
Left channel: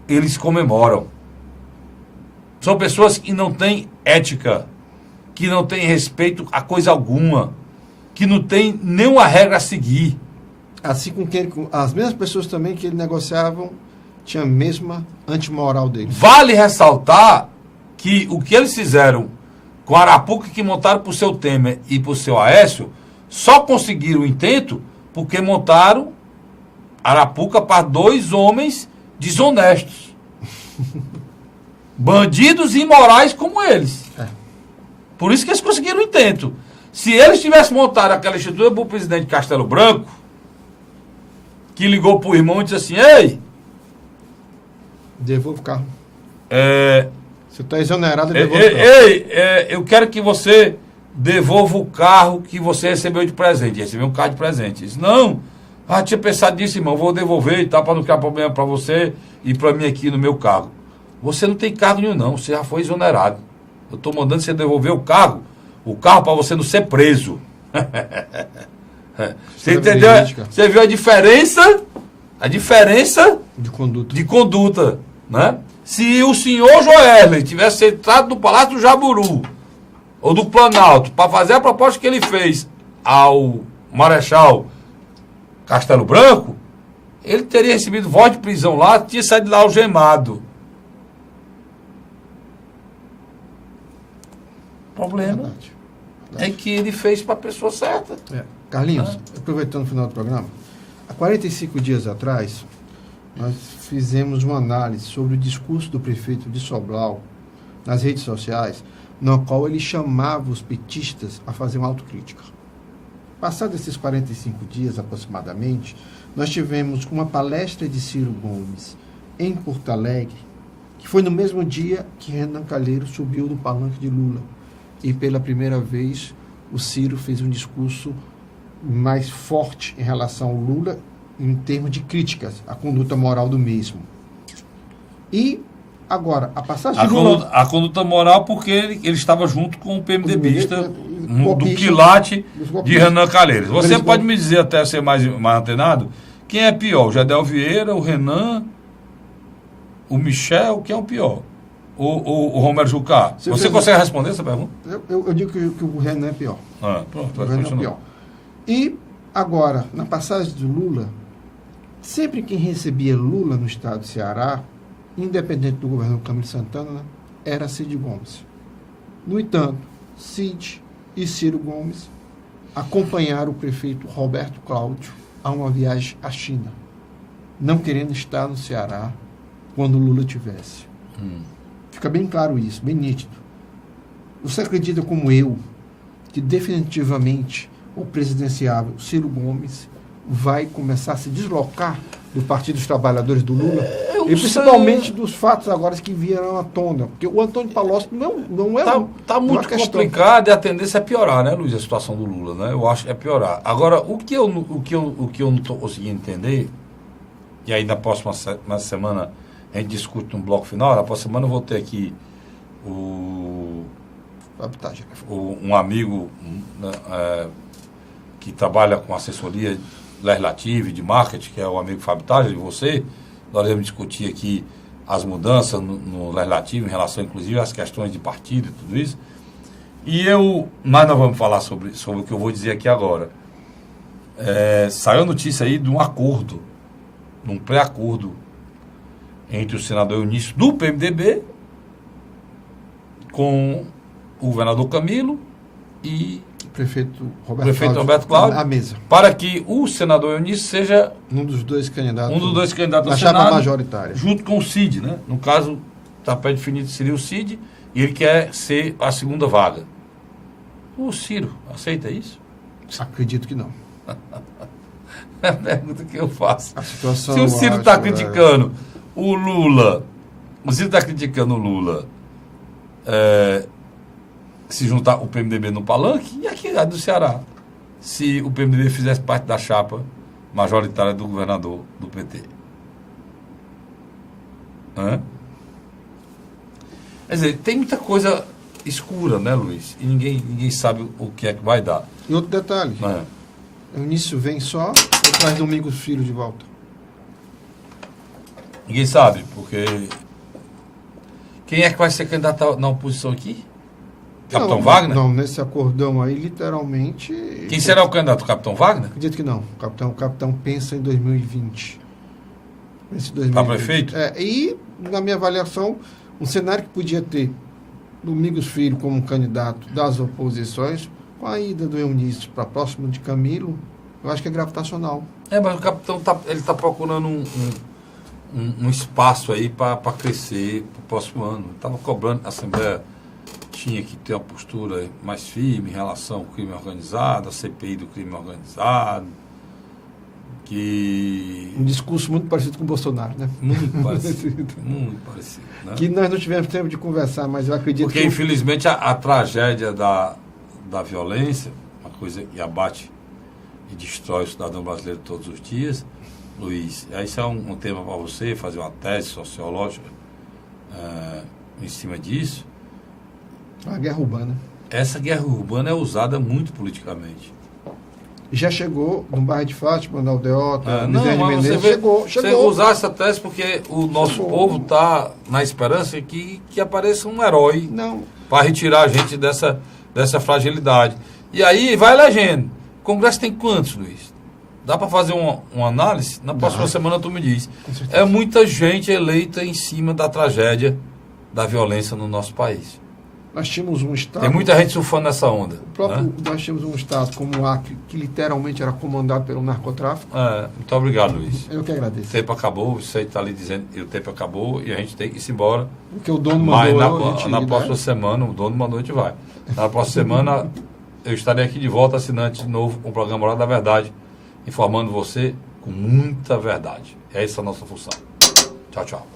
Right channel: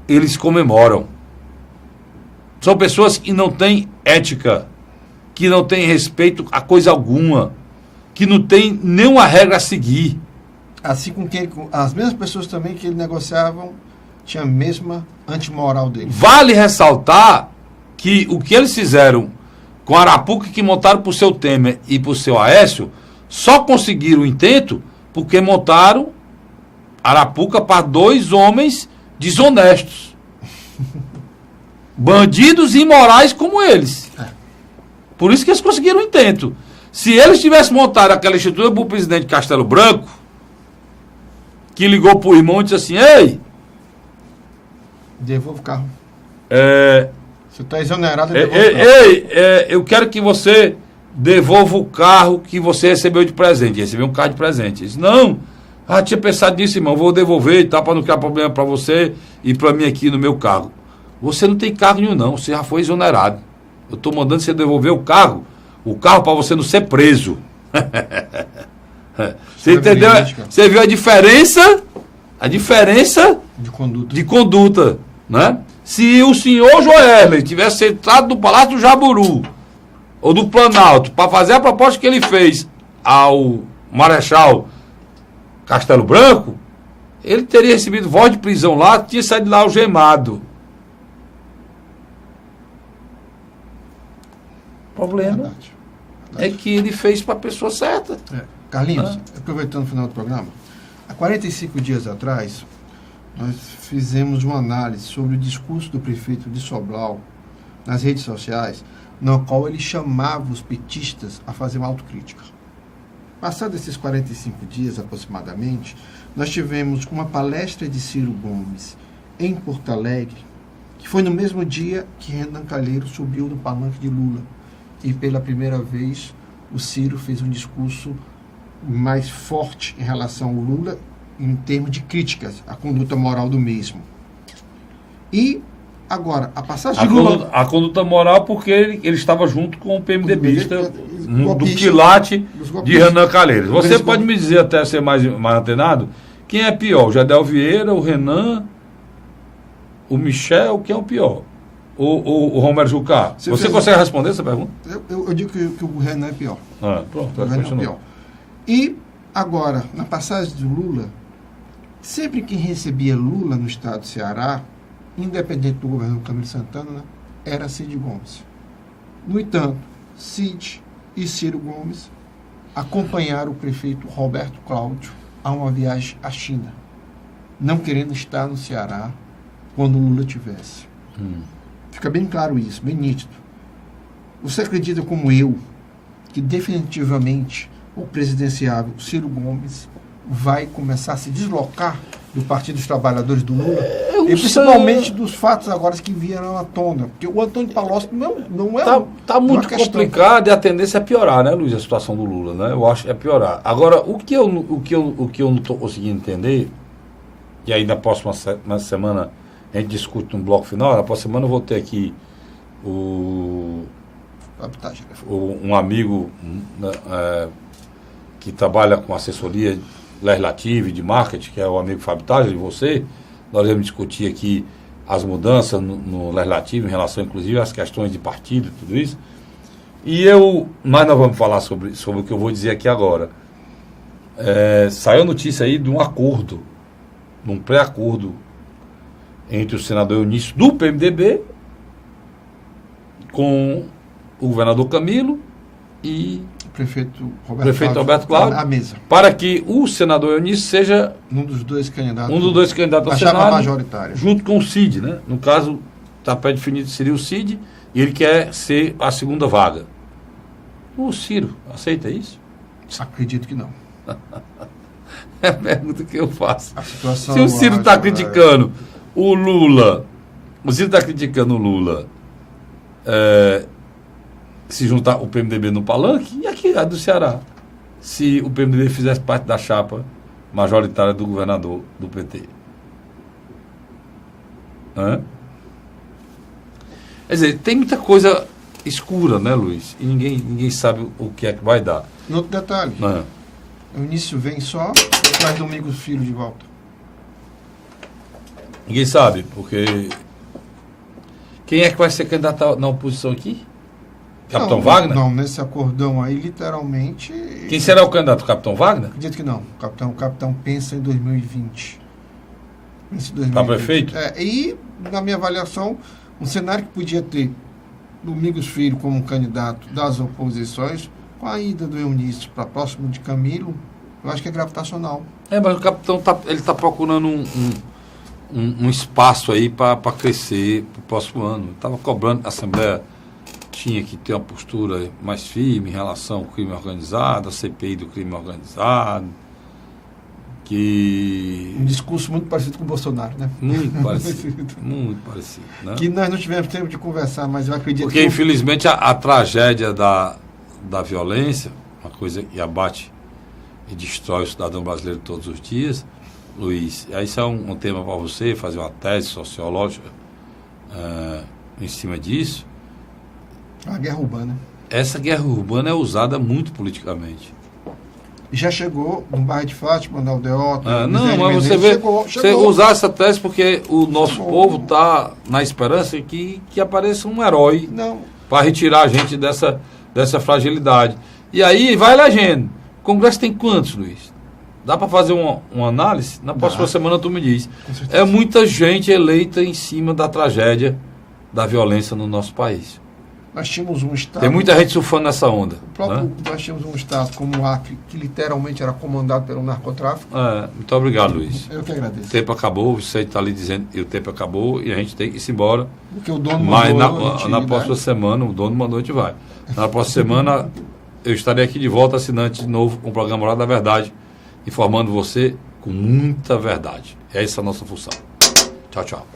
eles comemoram. São pessoas que não têm ética, que não têm respeito a coisa alguma, que não têm nenhuma regra a seguir. Assim com que as mesmas pessoas também que ele negociavam tinham a mesma antimoral dele. Vale ressaltar que o que eles fizeram com a Arapuca, que montaram para o seu Temer e para o seu Aécio, só conseguiram o intento porque montaram Arapuca para 2 homens desonestos. Bandidos imorais como eles. Por isso que eles conseguiram o intento. Se eles tivessem montado aquela estrutura para o presidente Castelo Branco, que ligou para o irmão e disse assim: ei, devolva o carro. Você está exonerado, eu quero que você devolva o carro que você recebeu de presente. Recebeu um carro de presente. Ele disse: não, tinha pensado nisso, irmão, vou devolver e tal, para não criar problema para você e para mim aqui no meu carro. Você não tem carro nenhum, não, você já foi exonerado. Eu estou mandando você devolver o carro para você não ser preso. Você entendeu? Você viu a diferença? A diferença de conduta, né? Se o senhor Joesley tivesse sentado no Palácio do Jaburu ou do Planalto para fazer a proposta que ele fez ao Marechal Castelo Branco, ele teria recebido voz de prisão lá, tinha saído lá algemado. O problema é que ele fez para a pessoa certa. Carlinhos, aproveitando o final do programa, há 45 dias atrás, nós fizemos uma análise sobre o discurso do prefeito de Sobral nas redes sociais, no qual ele chamava os petistas a fazer uma autocrítica. Passados esses 45 dias aproximadamente, nós tivemos uma palestra de Ciro Gomes em Porto Alegre, que foi no mesmo dia que Renan Calheiros subiu no palanque de Lula. E pela primeira vez o Ciro fez um discurso mais forte em relação ao Lula, em termos de críticas à conduta moral do mesmo. E agora, a passagem de Lula... A conduta moral porque ele estava junto com o PMDBista do quilate de Renan Calheiros. Você pode me dizer, até ser mais antenado, quem é pior? O Gedel Vieira, o Renan, o Michel, quem é o pior? O Romero Jucá? Você consegue responder essa pergunta? Eu digo que o Renan é pior. Pronto, o Renan é pior. E agora, na passagem de Lula, sempre quem recebia Lula no estado do Ceará, independente do governo Camilo Santana, era Cid Gomes. No entanto, Cid e Ciro Gomes acompanharam o prefeito Roberto Cláudio a uma viagem à China, não querendo estar no Ceará quando Lula tivesse. Fica bem claro isso, bem nítido. Você acredita como eu que definitivamente o presidenciável Ciro Gomes vai começar a se deslocar do Partido dos Trabalhadores do Lula? E principalmente dos fatos agora que vieram à tona. Porque o Antônio Palocci não é... Está muito complicado e a tendência é piorar, né, Luiz, a situação do Lula, né? Eu acho que é piorar. Agora, o que eu não estou conseguindo entender, e aí na próxima semana a gente discute no bloco final, na próxima semana eu vou ter aqui um amigo que trabalha com assessoria legislativa e de marketing, que é o amigo Fábio Tales, e você. Nós vamos discutir aqui as mudanças no legislativo em relação, inclusive, às questões de partido e tudo isso. Mas nós vamos falar sobre o que eu vou dizer aqui agora. Saiu a notícia aí de um acordo, de um pré-acordo entre o senador Eunício do PMDB com o governador Camilo e prefeito Roberto Cláudio, à mesa. para que o senador Eunício seja Um dos dois candidatos ao da chapa Senado, majoritária. junto com o Cid, né? No caso, está pré-definido seria o Cid, e ele quer ser a segunda vaga. O Ciro aceita isso? Acredito que não. É a pergunta que eu faço. A situação, Se o Ciro eu está acho, criticando o Lula, se juntar o PMDB no palanque, e aqui do Ceará, se o PMDB fizesse parte da chapa majoritária do governador do PT. Hã? Quer dizer, tem muita coisa escura, né, Luiz? E ninguém sabe o que é que vai dar. E outro detalhe, o início vem só e traz Domingos Filho de volta. Ninguém sabe, porque quem é que vai ser candidato na oposição aqui? Capitão Wagner? Não, nesse acordão aí, literalmente... Quem será o Capitão Wagner? Acredito que não. O capitão pensa em 2020. Para prefeito? E, na minha avaliação, um cenário que podia ter Domingos Filho como candidato das oposições, com a ida do Eunício para próximo de Camilo, eu acho que é gravitacional. Mas o capitão está procurando um espaço aí para crescer para o próximo ano. Estava cobrando, a Assembleia tinha que ter uma postura mais firme em relação ao crime organizado, a CPI do crime organizado, Um discurso muito parecido com o Bolsonaro, né? Muito parecido, muito parecido. Né? Que nós não tivemos tempo de conversar, mas eu acredito porque, infelizmente, a tragédia da violência, uma coisa que abate e destrói o cidadão brasileiro todos os dias, Luiz, isso é um tema para você fazer uma tese sociológica em cima disso. A guerra urbana. Essa guerra urbana é usada muito politicamente. Já chegou no bairro de Fátima, na Aldeota. Mas você vê, você usar essa tese porque o nosso povo está na esperança que apareça um herói para retirar a gente dessa fragilidade. E aí vai elegendo. O Congresso tem quantos, Luiz? Dá para fazer uma análise? Na próxima semana tu me diz. É muita gente eleita em cima da tragédia da violência no nosso país. Nós tínhamos um estado... Tem muita gente surfando nessa onda. Nós tínhamos um estado como o Acre, que literalmente era comandado pelo narcotráfico. Muito obrigado, Luiz. Eu que agradeço. O tempo acabou, você está ali dizendo que o tempo acabou e a gente tem que ir embora. Porque o dono mandou. Mas na próxima semana, o dono mandou, a gente vai. Na próxima semana, eu estarei aqui de volta, assinante de novo, com o programa Hora da Verdade, informando você com muita verdade. É essa a nossa função. Tchau, tchau.